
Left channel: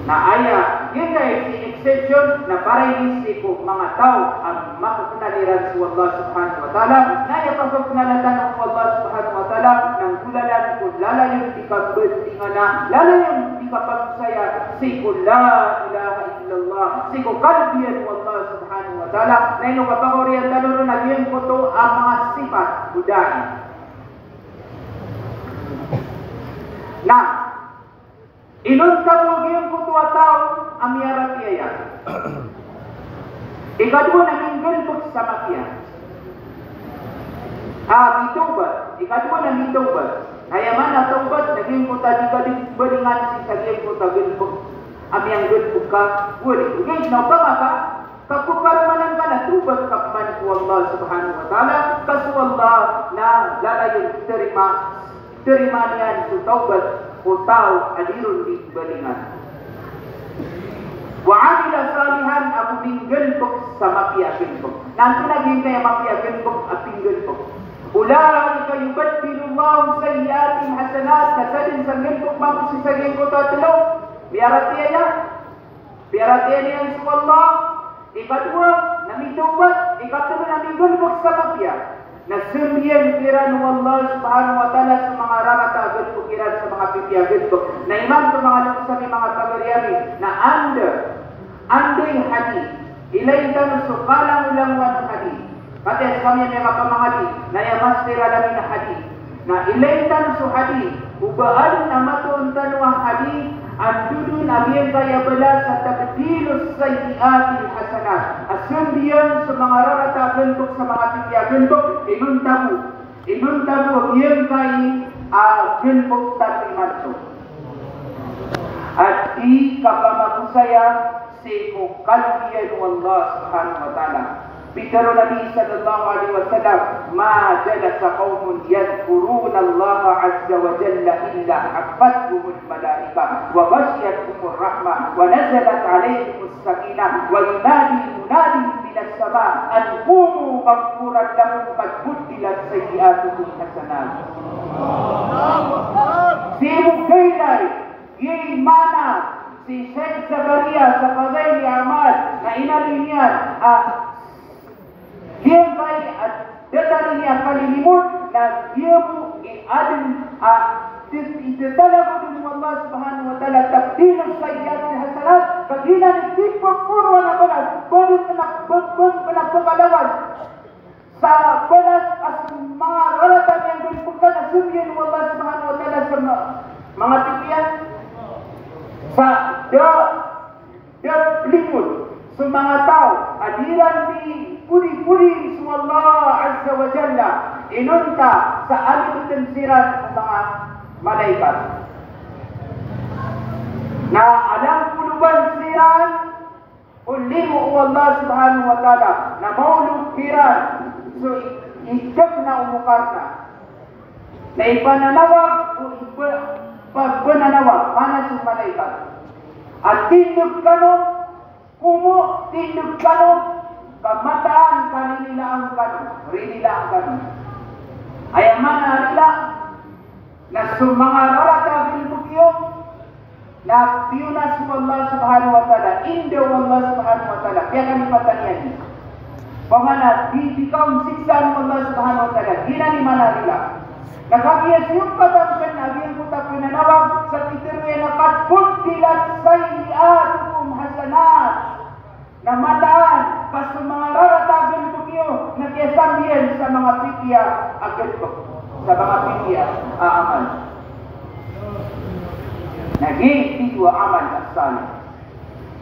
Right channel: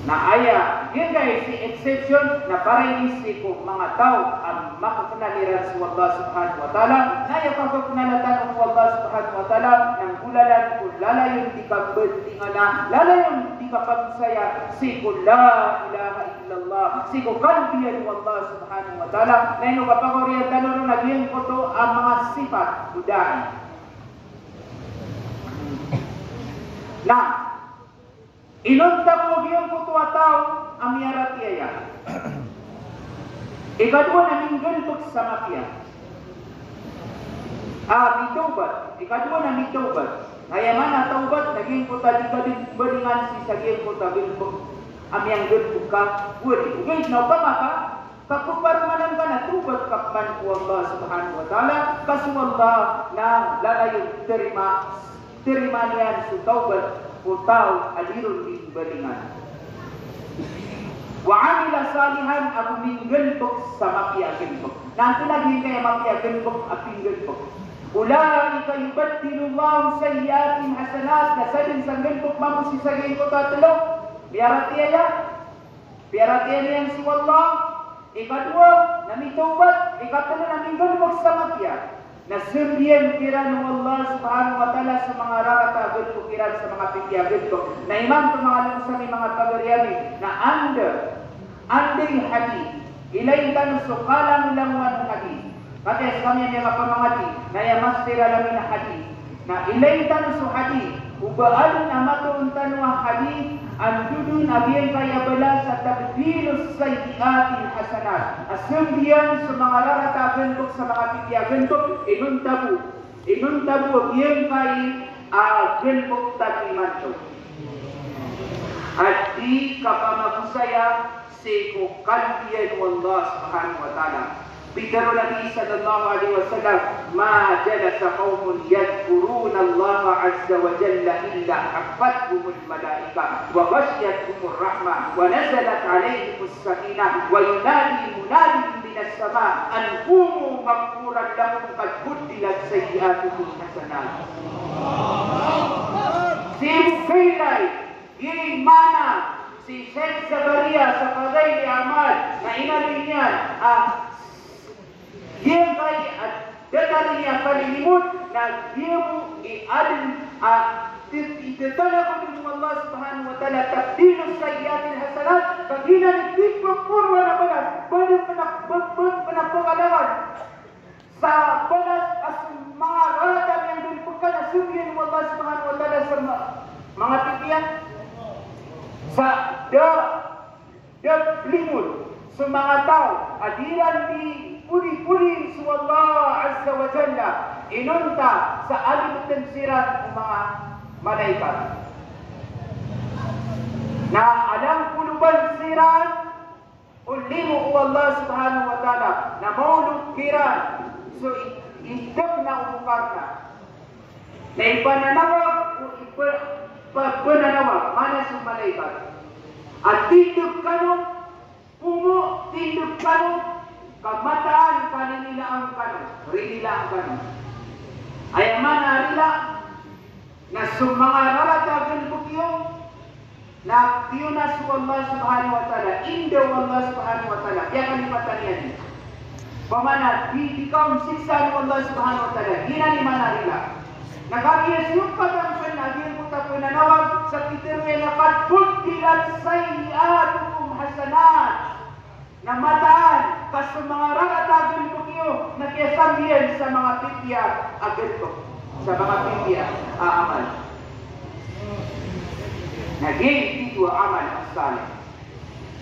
Na aya, yun guys, si exception na parang ko mga tao ang makakunaliran sa Allah subhanahu wa ta'ala na ipagkakunalatan ng Allah subhanahu wa ta'ala ng gulalan ko lalayong di ka bertingana, lalayong di ka pagsaya siku la ilaha illallah siku kalbiyan ng Allah subhanahu wa ta'ala na ino kapagoriyan taluro naging ko to ang mga sifat budani. Nah, inunta mo gayong kutuwa tao, amiyarat iya. Ikadua na minggulbog sa mafia. Mitaubat. Ikadua na mitaubat. Nayaman na taubat, naging kuta di balingan si saging kuta gulbog. Amiyang gulbog ka, wali. Ngayon, naupama ka, kapuparmanan ka na tubat kapman ko Allah subhanahu wa ta'ala, kaso Allah na lalayon terima niyan sa taubat o tao alirun di balingan. Wa amila salihan ako minggulbog sa mafia gulbog. Nanto naging kaya mafia gulbog aping gulbog. Ulaika yubaddilu Allahu sayyiatin hasanat, nasalin sa gulbog mamusi sa gulbog ko tatlo. Biarati niyan sa Allah. Ikadua, namitaubat. Ikatlo, namigulbog sa mafia. Nasimyan kiran ng Allah subhanahu wa ta'ala sa mga rakatagod po kiran sa mga pipiyagod po. Na iman po mga nuksan mga kabaryani na anding hadith. Ilaytan sukalang langwan hadith. Kaya kami may makamangati na yamastira lamin na hadith. Na ilaytan su hadith. Ubaan na matuuntan wa hadith. Andudun abiyan kaya bala sa tabdilus sayyiatil hasanat. Asundiyan sa mga raratagol po sa mga pipiyagol po. Inuntabu abiyan kaya gulbog takiman po. At di kapamagusaya si kukalbiyan ng Allah subhanahu wa ta'ala. Bikaro Nabi sallallahu alaihi wasallam, ma jalasa qaumun yadhkuruna Allah azza wa jalla illa hafathumul malaika wa ghashiyatuhumur rahmah wa nazalat alaihimus sakinah wa yunadi munadi minas sama an qumu maghfuran lahum qad buddilat sayyi'atuhum hasanat. Si Mufailai mana si Syekh Sabaria sa Qadai Amal na inalinian dia baik datang yang kalimun na dia mu adil ditalabu dengan Allah subhanahu wa ta'ala tabdilus sayyiatil hasanat baginan dipurwa na balas baru penakalawan sa balas mga raratan yang dipukan asumyan ng Allah subhanahu wa ta'ala sa mga tipian sa dia pelimut sa mga tao adiran di puri-puri sa Allah azza wa jalla inunta sa alibutan sirat ng mga malaikat na alam puluban sirat ulimu Allah subhanahu wa ta'ala na maulog kiran so idap na umukarna na ipananawag o pagpananawag mana sa malaikat at tindog kanong tindog kanong pagmataan kanila ang kanon, rinila ang kanon. Ayaw man nila na mga raratagin bukyo na tiyunas ko Allah subhanahu wa ta'ala, Indo Allah subhanahu wa ta'ala, kaya kanipatan yan. Pamana, di kaum siksa ng Allah subhanahu wa ta'ala, ginanimana nila. Nakakiyas yung katansan na din ko tapoy nanawag sa pitirwe na katbuntilat sayyi'atukum hasanat na mataan kas mga raratagin ko niyo na kiyasambihan sa mga pipya agad ko sa mga pipya amal naging ito amal as-salih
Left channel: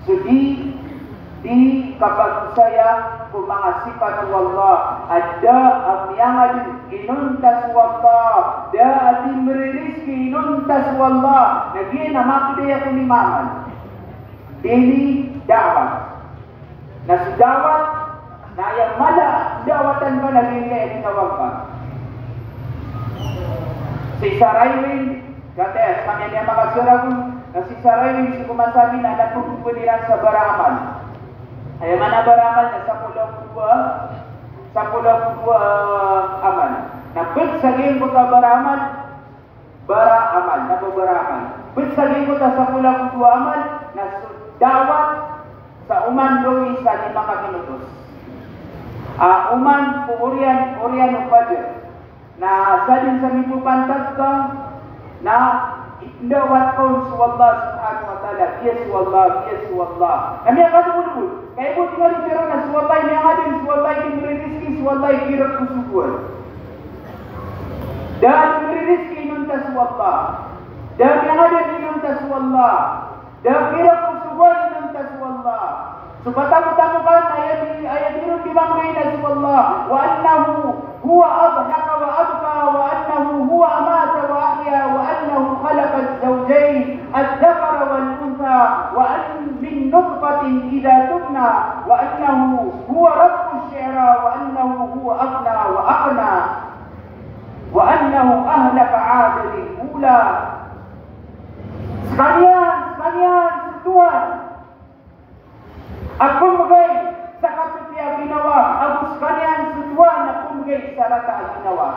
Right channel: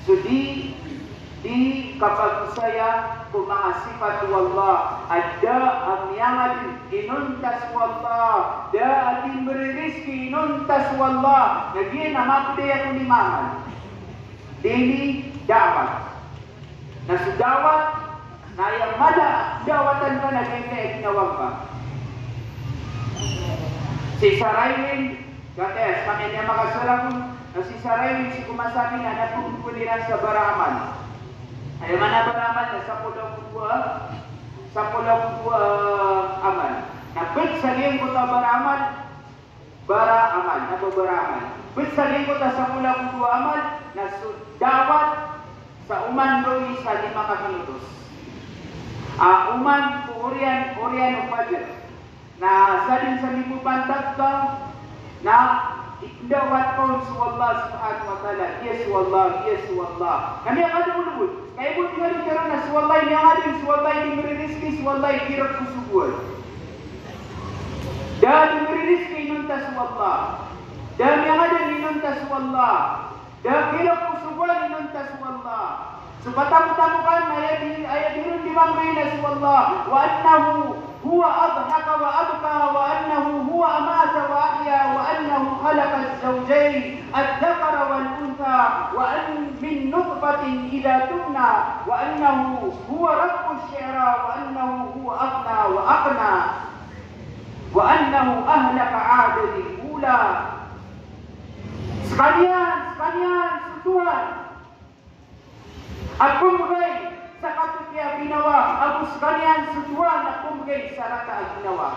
so di kapag saya kung mga sifat wallah ada ang yangadin inuntas wallah da ating meririski inuntas wallah naging namakdaya ko ni mamal daily da'wat na sudawat na yang mala dawatan ka na nilai tinawag ka si Saraywin kates kami niya makasarapon na si Saraywin si kumasabi na napupunilan sa baraman ay mana baraman na sa pulau aman na pit saging ko ka baraman baraman na baraman pit saging ko sa pulau aman na sudawat sa uman doy sa 5 minutos. Uman po Orian Upadir na salin sa mipo pantag ka na idawat ko sa Allah subhanahu wa ta'ala yes wallah kami ang kadulul kaya po tingnan kira na sa wallah niya adin sa wallah di meririzki sa wallah kira kusugol dahil meririzki nunta sa wallah Dan yang ada ninuntas wallah. Dan kira kusubuan ninuntas wallah. Supaya tamu-tamukan ayat dirun di bangkainas wallah. Wa annahu huwa adhaka wa abka wa annahu huwa amata wa ahya wa annahu khalaqa az-zawjayn ad-dhakara wal untha wa an min nutfatin idza tubna wa annahu huwa rabbus syi'ra wa annahu huwa aghna wa aqna wa annahu ahlaka 'adil ula. Sekalian setuan aku mengay sa katutya ginawa. Ako sekalian setuan aku mengay sa rata ginawa.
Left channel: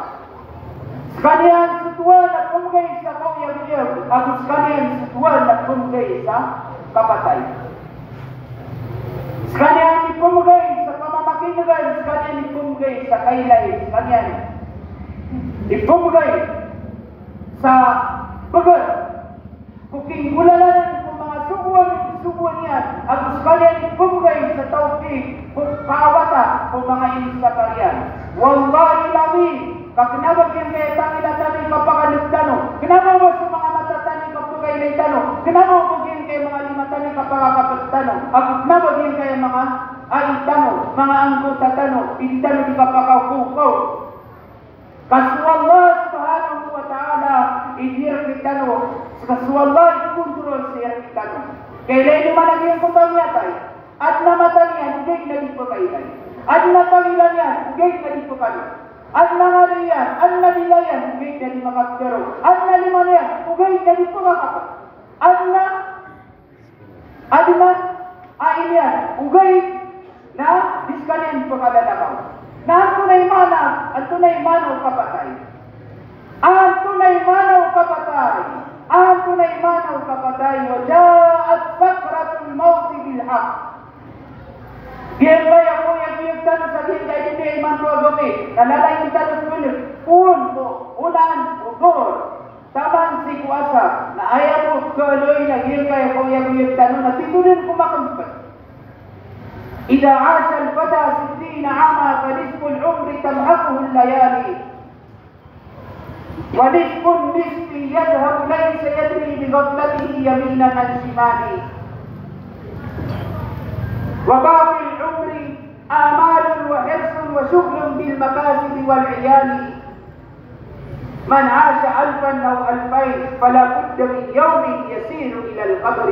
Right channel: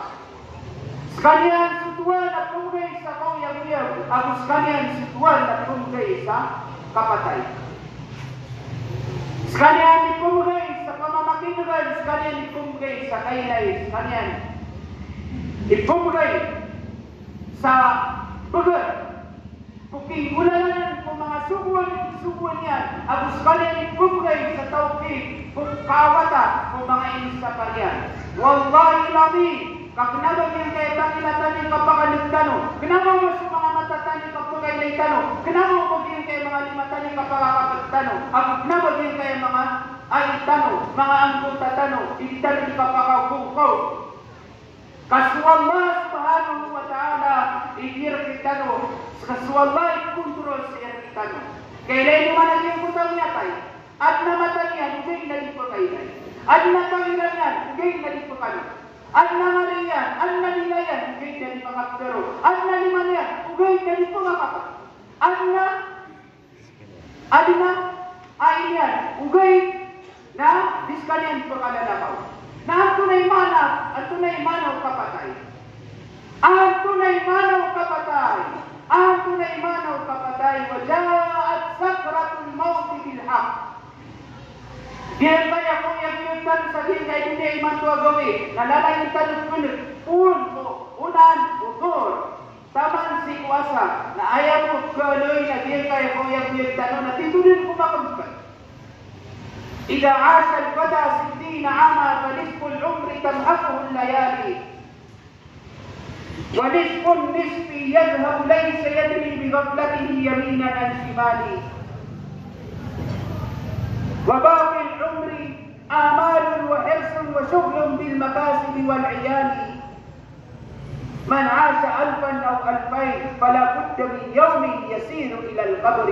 Sekalian setuan aku mengay sa kauyag-uyag. Ako sekalian setuan aku mengay sa kapatay. Sekalian ipumugay sa pamamakinugan. Sekalian ipumugay sa kailay. Sekalian ipumugay sa bagat. Kuking ulalanan kung mga subuan niya. Ako sekalian ipumugay sa taufik kung kawata kung mga insakalian. Wallahi labi, kakinabag yung kaya tangilatani kapakanagdano. Kinabag mo sa mga matatani kapagay na itano. Kinabag mo yung kaya mga limatani kapagkapagtano. Ako kinabag yung kaya mga aitano, mga angkutatano. Itano di kapakakukaw. Kaswallah subhanahu wa ta'ala idir kitano. Kaswallah ikontrol siya kitano. Kailan naman ang iyong kutang yatay. At namatan yan, ugay na di pa kailay. At napangilan yan, ugay na di pa kailay. At nangari yan, at nabilayan, ugay na di makaptero. At naliman yan, ugay na di pa makapag. At na, ailian, ugay na diskalian pa kalalakaw. Na ang tunay manaw kapatay. Ang tunay manaw kapatay. Wajaat sakratul mawti bilhaq. Diyan kaya kung yung tanong sa diyan kaya hindi ay mantua gabi. Nalalay yung tanong punod. Unan, utor. Taman si kuasa. Na ayaw mo kaloy na diyan kaya kung yung tanong na titunin kumakagpag. إذا عاش الفتى 60 عاما فنصف العمر تمحقه الليالي ونصف النصف يذهب ليس يدري بغفلته يمينا عن شماله وباقي العمر آمال وحرص وشغل بالمكاسب والعيال من عاش 1000 أو 2000 فلا بد من يوم يسير إلى القبر.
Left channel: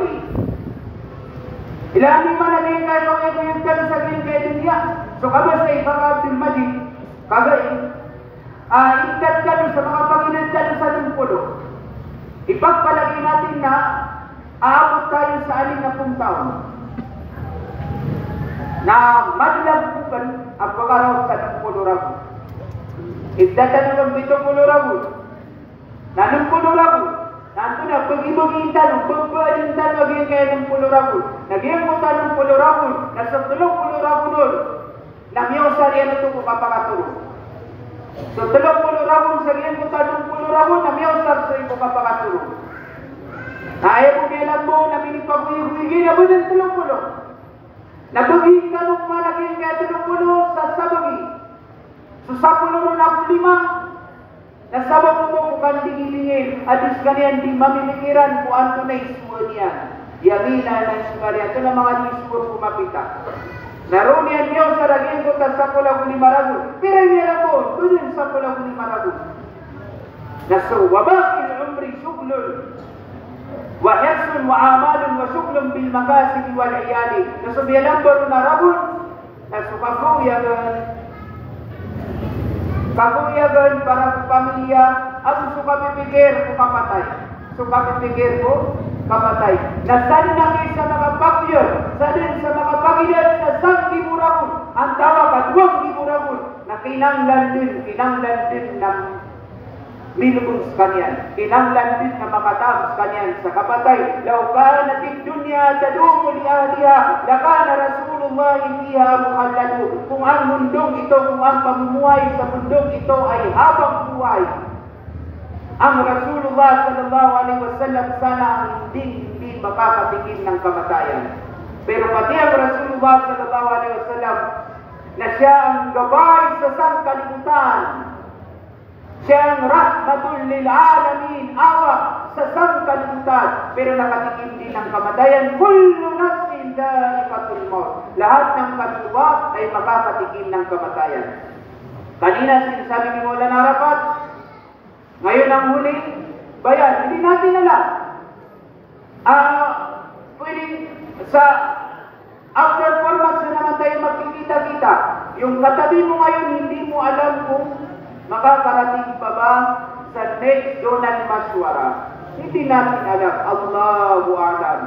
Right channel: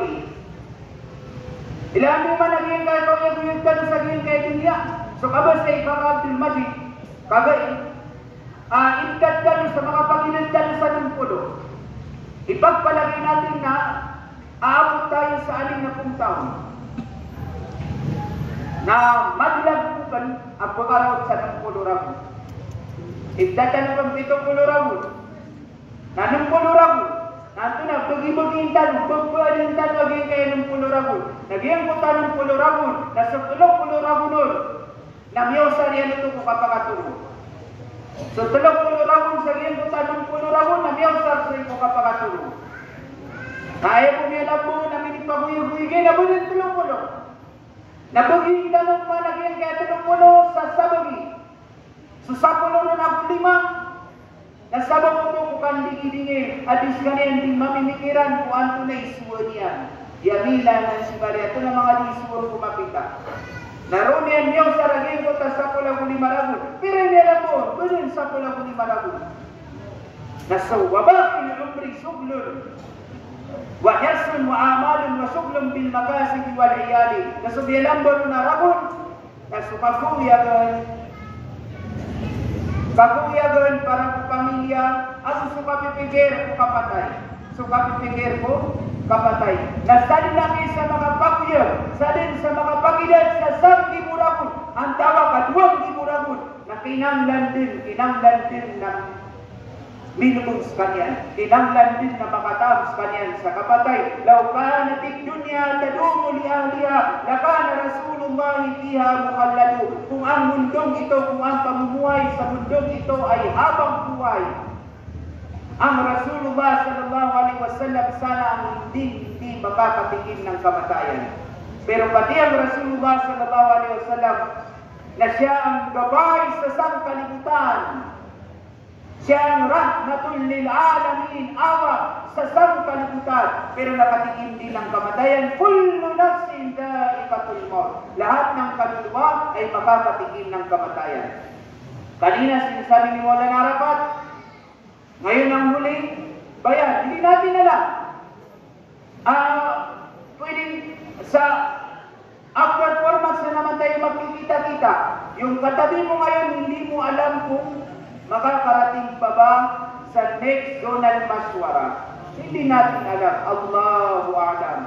Ilang di man naging kayo kung ka sa gilin kayo niya. So kabas sa Ibang Abdul Majid, kagay, ingkat ka sa mga Panginoon ka sa nungpulo. Ipagpalagay natin na aabot tayo sa 60 taon. Na maglagpukan ang pagkakaroon sa nungpulo rabu. Igdatanong 70 rabu. Na nungpulo rabu. Nanto na, pag-ibagin tanong, pagpaadin tanong, aging kayo ng pulurabon. Nagyang mo tanong pulurabon, nasa tulong pulurabon nun, namyosa niya ito kung kapakatulong. So tulong pulurabon, sa nagyang mo tanong pulurabon, namyosa sa ito kapakatulong. Ayaw mo niya lang mo, naminipaguyog-uyogin, nabunin tulong-pulong. Nabaging tanong man, nagyang kayo tulong-pulong, sa sabagi. So sa pulurong na 5, nasabang mo bukan dingin-dingin at kanian di mamimikiran kung ang tunay suwa niya. Yamina ng sumarya. Ito na mga disipon kumapita. Naroon niyan niyo sa raging ko ta sa pula kuli marabun. Pero niya lang mo, doon sa pula kuli marabun. Naso, wabak il umri suglun. Wa hirsun wa amalun wa suglun bil makasib wal iyali. Naso biyalang baro na rabun. Naso kakuyagan. Kakuyagan para pamilya, at suka pipigir ko kapatay. Suka pipigir ko kapatay. Nasalin lang sa mga pakya, salin sa mga pagilan sa 1,000 rabon. Ang tawag at 2,000 rabon na kinanglan din ng minubog sa kanyan. Kinanglan din na makatapos kanyan sa kapatay. Law kanat dunya tadumu li ahliha, lakana Rasulullah fiha muhallalu. Kung ang mundong ito, kung ang pamumuhay sa mundong ito ay habang buhay, ang Rasulullah sallallahu alaihi wasallam sana ang hindi makakatigil ng kamatayan. Pero pati ang Rasulullah sallallahu alaihi wasallam na siya ang gabay sa sangkalibutan, Siya ang rahmatul lil alamin, awa sa sangkalibutan, pero nakatikim din ng kamatayan. Kullu nafsin dha'iqatul maut. Lahat ng kaluluwa ay makakatikim ng kamatayan. Kanina sinasabi ni Maulana Arafat, ngayon ang huling bayan, hindi natin alam. Pwedeng sa after 4 months na naman tayo magkikita-kita. Yung katabi mo ngayon, hindi mo alam kung makakarating pa ba sa next zonal mashwara. Hindi natin alam. Allahu a'lam.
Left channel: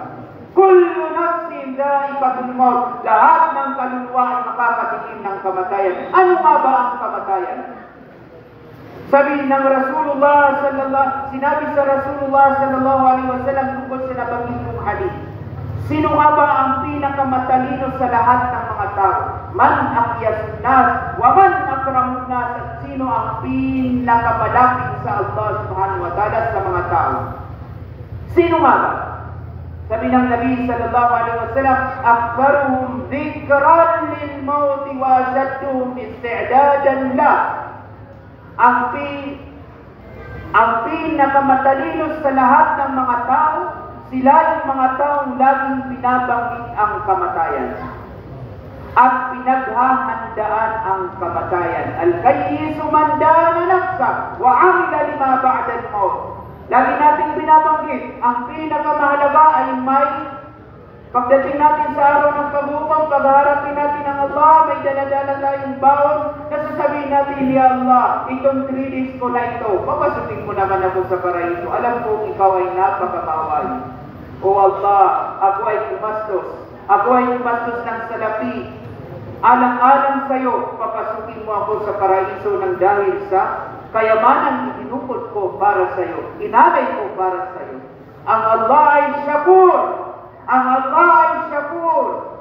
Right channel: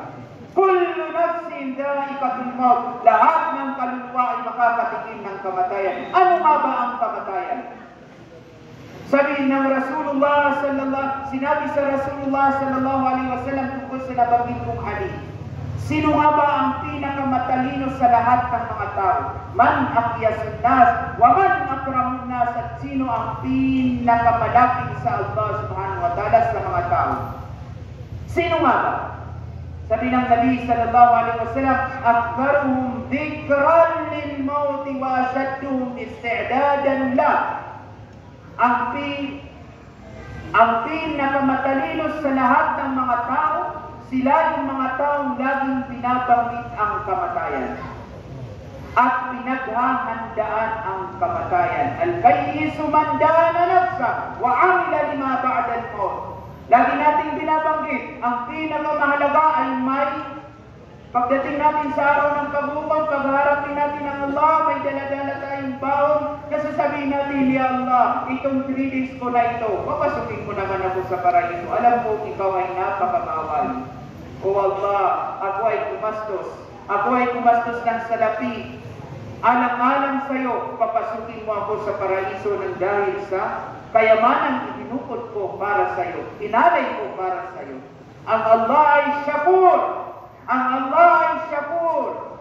Kullu nafsin dha'iqatul maut. Lahat ng kaluluwa ay makakatikim ng kamatayan. Ano nga ba ang kamatayan? Sabi ng sinabi sa Rasulullah sallallahu alaihi wasallam tungkol sa nabanggit kong hadith. Sino nga ba ang pinakamatalino sa lahat ng mga tao? Man aqyasun nas wa man akramun nas. At sino ang pinakamalapit sa Allah subhanahu wa ta'ala sa mga tao? Sino nga ba? Sabi ng Nabi sallallahu alaihi wasallam, akbaruhum dhikran lil maut wa ashadduhum isti'dadan la. Ang pinakamatalino sa lahat ng mga tao, sila yung mga taong laging binabanggit ang kamatayan at pinaghahandaan ang kamatayan. Al-kayyisu man dana nafsa wa amila lima ba'da al-maut. Lagi nating binabanggit, ang pinakamahalaga ay may pagdating natin sa araw ng paghukom, pagharapin natin ang Allah, may dala-dala tayong baon, kasasabihin natin, Ya Allah, itong 3 days ko na ito, papasukin mo naman ako sa paraiso. Alam ko, ikaw ay napakabawal. O Allah, ako ay kumastos. Ako ay kumastos ng salapi. Alang-alang sa'yo, papasukin mo ako sa paraiso ng dahil sa kayamanang ibinukod ko para sa'yo. Inalay ko para sa'yo. Ang Allah ay Shakur. Ang Allah ay Shakur.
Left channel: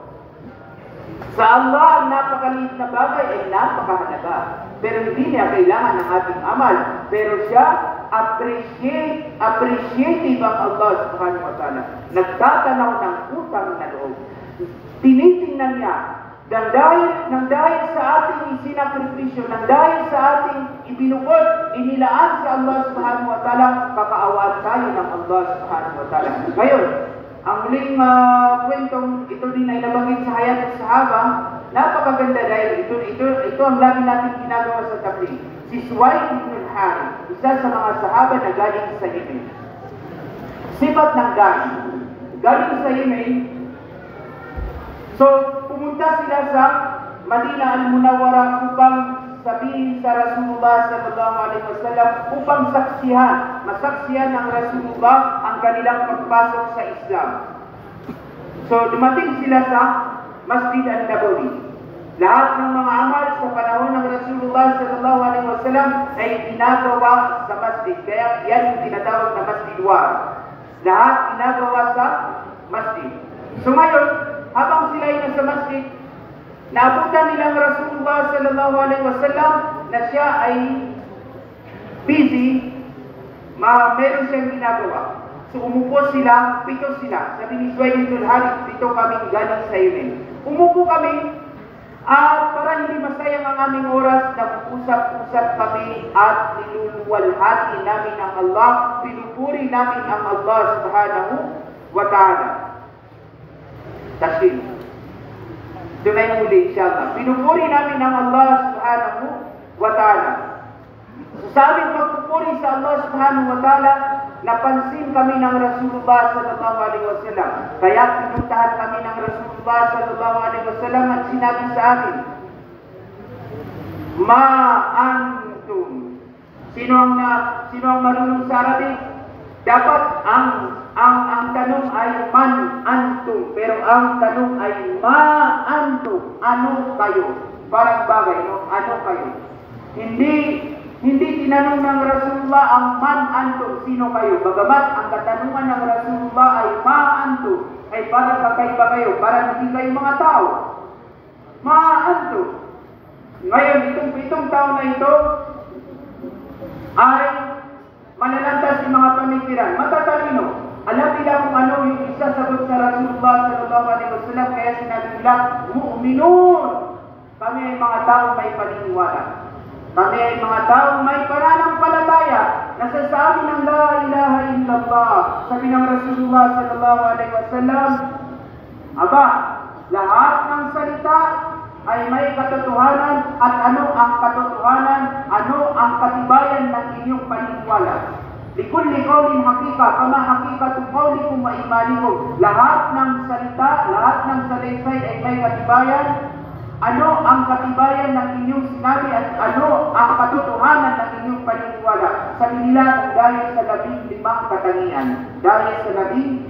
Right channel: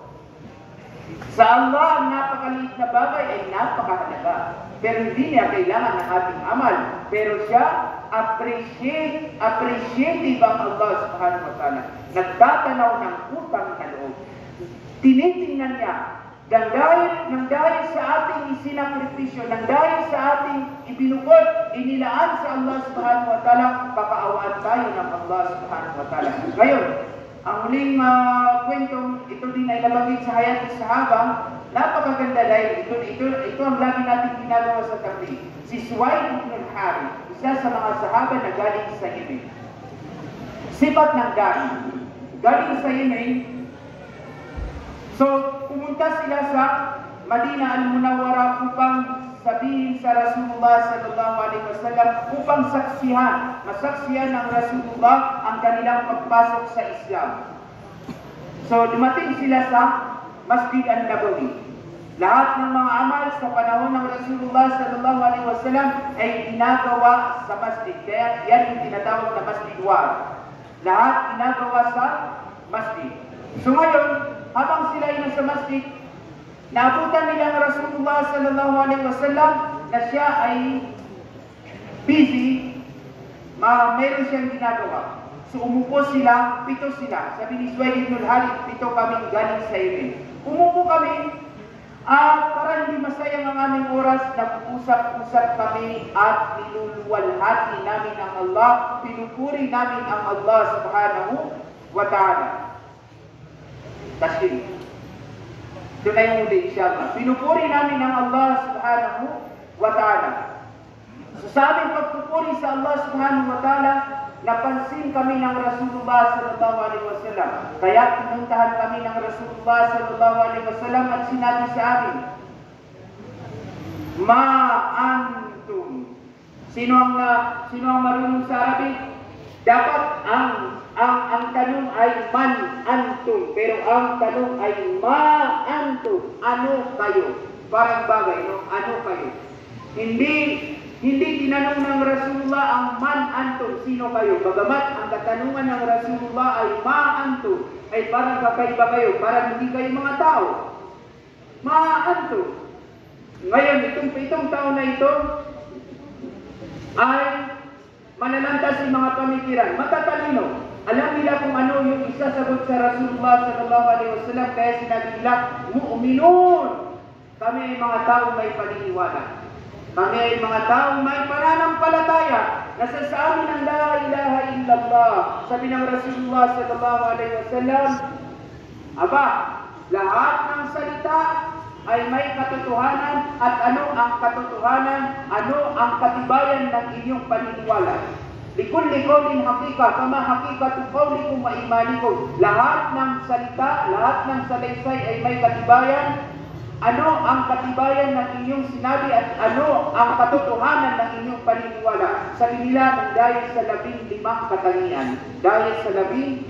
Sa Allah, ang napakaliit na bagay ay napakahalaga. Pero hindi niya kailangan ng ating amal. Pero siya, appreciative ang Allah subhanahu wa ta'ala. Nagtatanaw ng utang na loob. Tinitingnan niya, nang dahil sa ating isinakripisyo, nang dahil sa ating ibinukod, inilaan sa Allah subhanahu wa ta'ala, kakaawaan tayo ng Allah subhanahu wa ta'ala. Ngayon, ang muling kwentong ito din ay nabanggit sa hayat ng sahaba, napakaganda dahil ito ang lagi natin ginagawa sa tabligh. Si Suwaid ibn al-Harith, isa sa mga sahaba na galing sa Yemen. Sipat ng galing sa Yemen. So, pumunta sila sa Madinah al-Munawwara upang sabihin sa Rasulullah sallallahu alaihi wasallam, upang masaksihan ng Rasulullah ang kanilang pagpasok sa Islam. So, dumating sila sa Masjid al-Nabawi. Lahat ng mga amal sa panahon ng Rasulullah sallallahu alaihi wasallam ay ginagawa sa masjid. Kaya yan yung tinatawag na Masjid War. Lahat ginagawa sa masjid. So ngayon, habang sila ay nasa masjid, naabutan nilang Rasulullah sallallahu alaihi wasallam na siya ay busy, meron siyang ginagawa. So umupo sila, 7 sila. Sabi ni Suwaid ibn al-Harith, 7 kaming galing sa Yemen. Umupo kami at para hindi masayang ang aming oras, nag-usap-usap kami at niluluwalhati namin ang Allah, pinupuri namin ang Allah subhanahu wa ta'ala. Tasbih. Ito na yung muli, insyaAllah. Pinupuri namin ang Allah subhanahu wa ta'ala. So sa aming pagpupuri sa Allah subhanahu wa ta'ala, napansin kami ng Rasulullah sallallahu alaihi wasallam. Kaya pinuntahan kami ng Rasulullah sallallahu alaihi wasallam at sinabi sa amin, Ma antum. Sino ang marunong sa Arabic? Dapat ang tanong ay man antum, pero ang tanong ay ma antum. Ano kayo? Parang bagay, no? Ano kayo? Hindi tinanong ng Rasulullah ang man antum, sino kayo? Bagamat ang katanungan ng Rasulullah ay ma antum, ay para kakaiba kayo, para hindi kayo mga tao. Ma antum. Ngayon, itong tao na ito ay malalantas yung mga pamikiran. Matatalino. Alam nila kung ano yung isasagot sa Rasulullah sallallahu alaihi wasallam, kaya sinabi nila, mu'minun. Kami ay mga tao may paniniwala. Kami ay mga taong may pananampalataya na sa amin ang la ilaha illallah. Sabi ng Rasulullah sallallahu alaihi wasallam, aba, lahat ng salita ay may katotohanan, at ano ang katotohanan, ano ang katibayan ng inyong paniniwala. Likulli qawlin hakika, kama hakikatu qawlikum wa imanikum. Lahat ng salita, lahat ng salaysay ay may katibayan. Ano ang katibayan ng inyong sinabi at ano ang katotohanan ng inyong paniniwala? Sabi nila, dahil sa 15 katangian. Dahil sa 15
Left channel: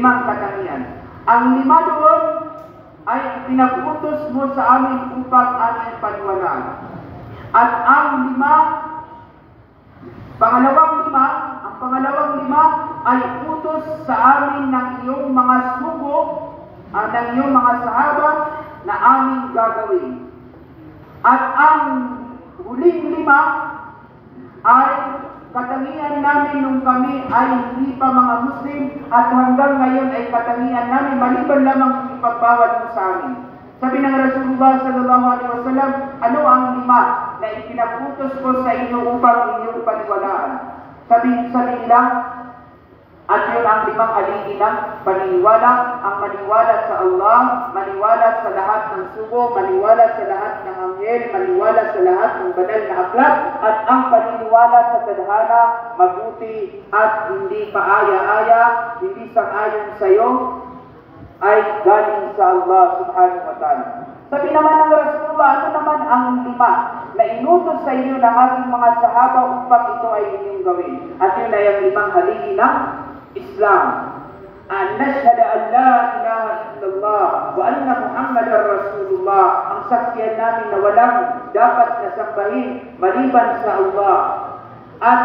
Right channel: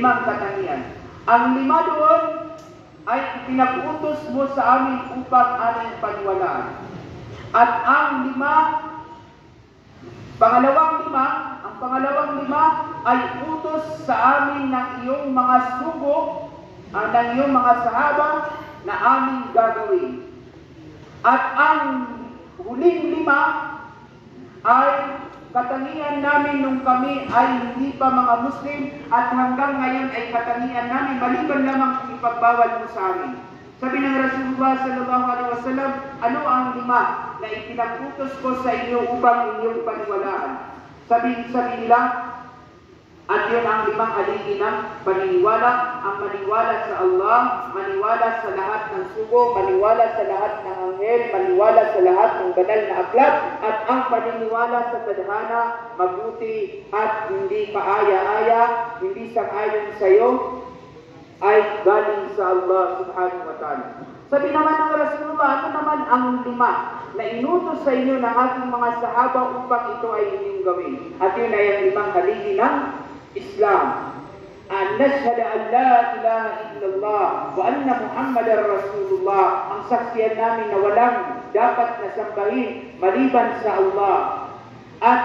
katangian. Ang 5 doon ay pinaputos mo sa amin upang aming paniwalaan. At ang 5, pangalawang 5 ay utos sa amin ng iyong mga sugo, ng iyong mga sahaba na aming gagawin. At ang huling 5 ay katangian namin nung kami ay hindi pa mga Muslim, at hanggang ngayon ay katangian namin maliban lamang ipagbawal mo sa amin. Sabi ng Rasulullah sallallahu alaihi wasallam, ano ang 5 na ipinaputos ko sa inyo upang inyong paniwalaan? Sabi nila, at yun ang 5 haligi ng paniniwala, ang maniwala sa Allah, maniwala sa lahat ng sugo, maniwala sa lahat ng anghel, maniwala sa lahat ng banal na aklat, at ang paniniwala sa tadhana, mabuti at hindi paaya-aya, hindi sang-ayon sa iyo, ay galing sa Allah subhanahu wa ta'ala. Sabi naman ng Rasulullah, ano naman ang 5 na inutos sa inyo ng ating mga sahaba upang ito ay inyong gawin? At yun ay ang 5 haligi ng Islam. An nashhadu an la ilaha illallah wa anna Muhammadar Rasulullah. Ang saksiyan namin na walang dapat na sambahin maliban sa Allah. At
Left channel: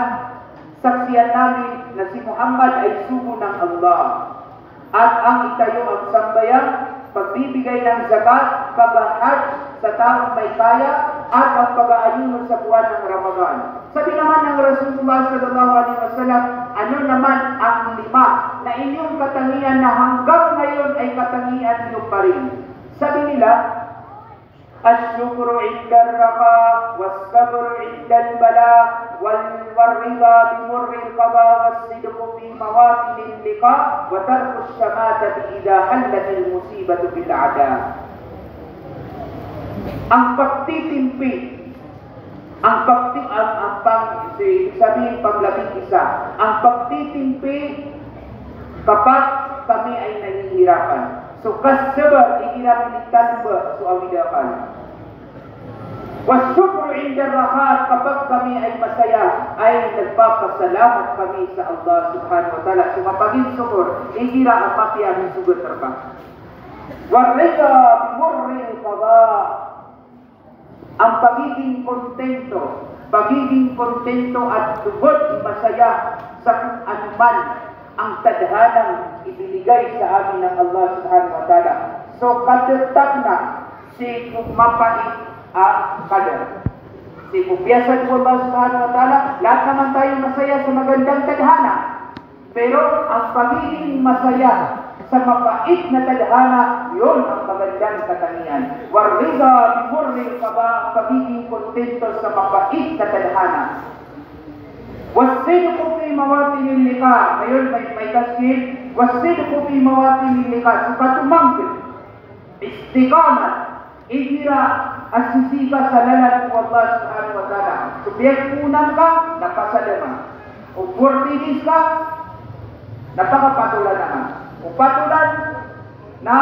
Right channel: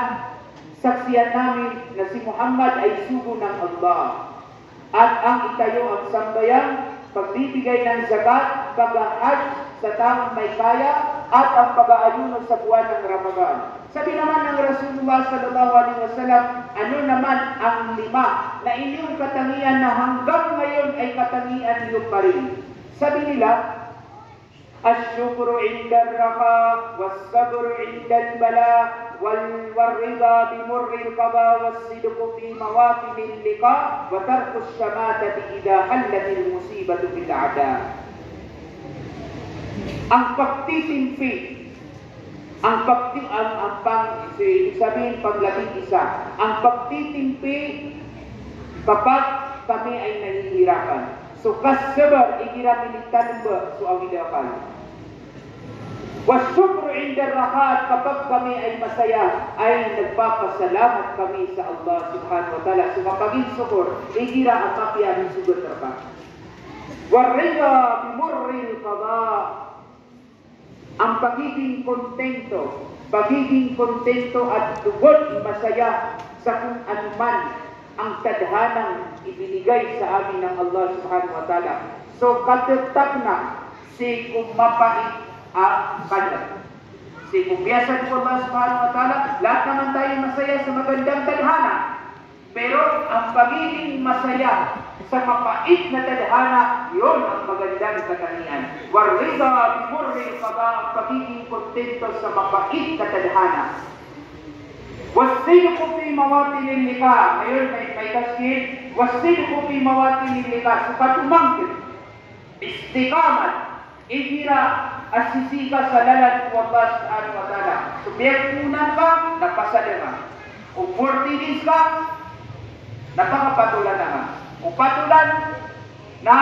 saksiyan namin na si Muhammad ay sugo ng Allah. At ang itayo ang sambayan, pagbibigay ng zakat, pag-hajj sa taong may kaya, at ang pag-aayuno sa buwan ng Ramadan. Sabi naman ng Rasulullah sallallahu alaihi wasallam, ano naman ang 5 na inyong katangian na hanggang ngayon ay katangian niyo pa rin? Sabi nila, asyukru inda ar-raqa, was-sabru inda al-bala, wal-rida bimurri al-qada, was-sidqu fi mawatin al-liqa, wa tarku ash-shamatati idha hallat al-musibatu bil-'ada. Ang pagtitimpi, ang pagtitimpi kapag kami ay nahihirapan. So kasabar igirapilitan ba so awidakan. Wasyukru inda rahat, kapag kami ay masaya ay nagpapasalamat kami sa Allah subhanahu wa ta'ala. So mapaging syukur, igira ang mapiyahin sugot terpa. Warrika bimurri qada, ang pagiging kontento at tugod masaya sa kung anuman ang tadhanang ibinigay sa amin ng Allah subhanahu wa ta'ala. So katetap na si kumapait ang kadar. Si kubiyasan ko Allah subhanahu wa ta'ala, lahat naman tayo masaya sa magandang tadhana. Pero ang pagiging masaya sa mapait na tadhana, yun ang magandang katangian. Warrida bimurri qada, pagiging kontento sa mapait na tadhana. Wasidqu fi mawatin al-liqa, ngayon may tasbih, wasidqu fi mawatin al-liqa, sukatumangkit, istiqamat, ihira asisika sa lalan ng Allah subhanahu wa ta'ala. Subjek unan ka, napasadama. Kung 40 days ka, napakapatulan naman. Kung patulan na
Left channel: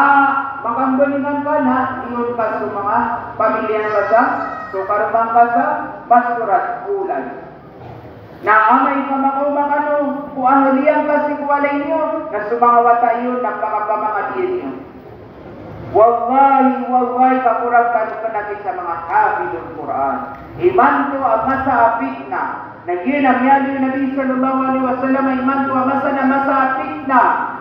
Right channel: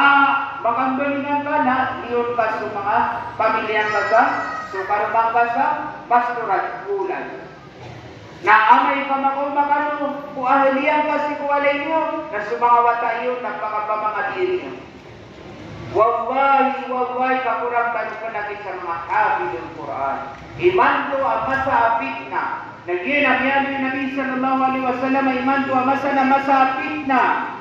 magambalingan ka na iyon ka sa mga pamilyang kasa, so karumang kasa, pastorat, ulan. Na amay ka makumang kung ahaliyan kasi kung alay niyo, na sumawata iyon, napakapamangatiri niyo. Wallahi, kakurang tanong ka natin sa mga hafidul Quran. Iman to ang masapit na. Naginam yan yung Nabi sallallahu alaihi wasallam, iman to ang masa na masapit na.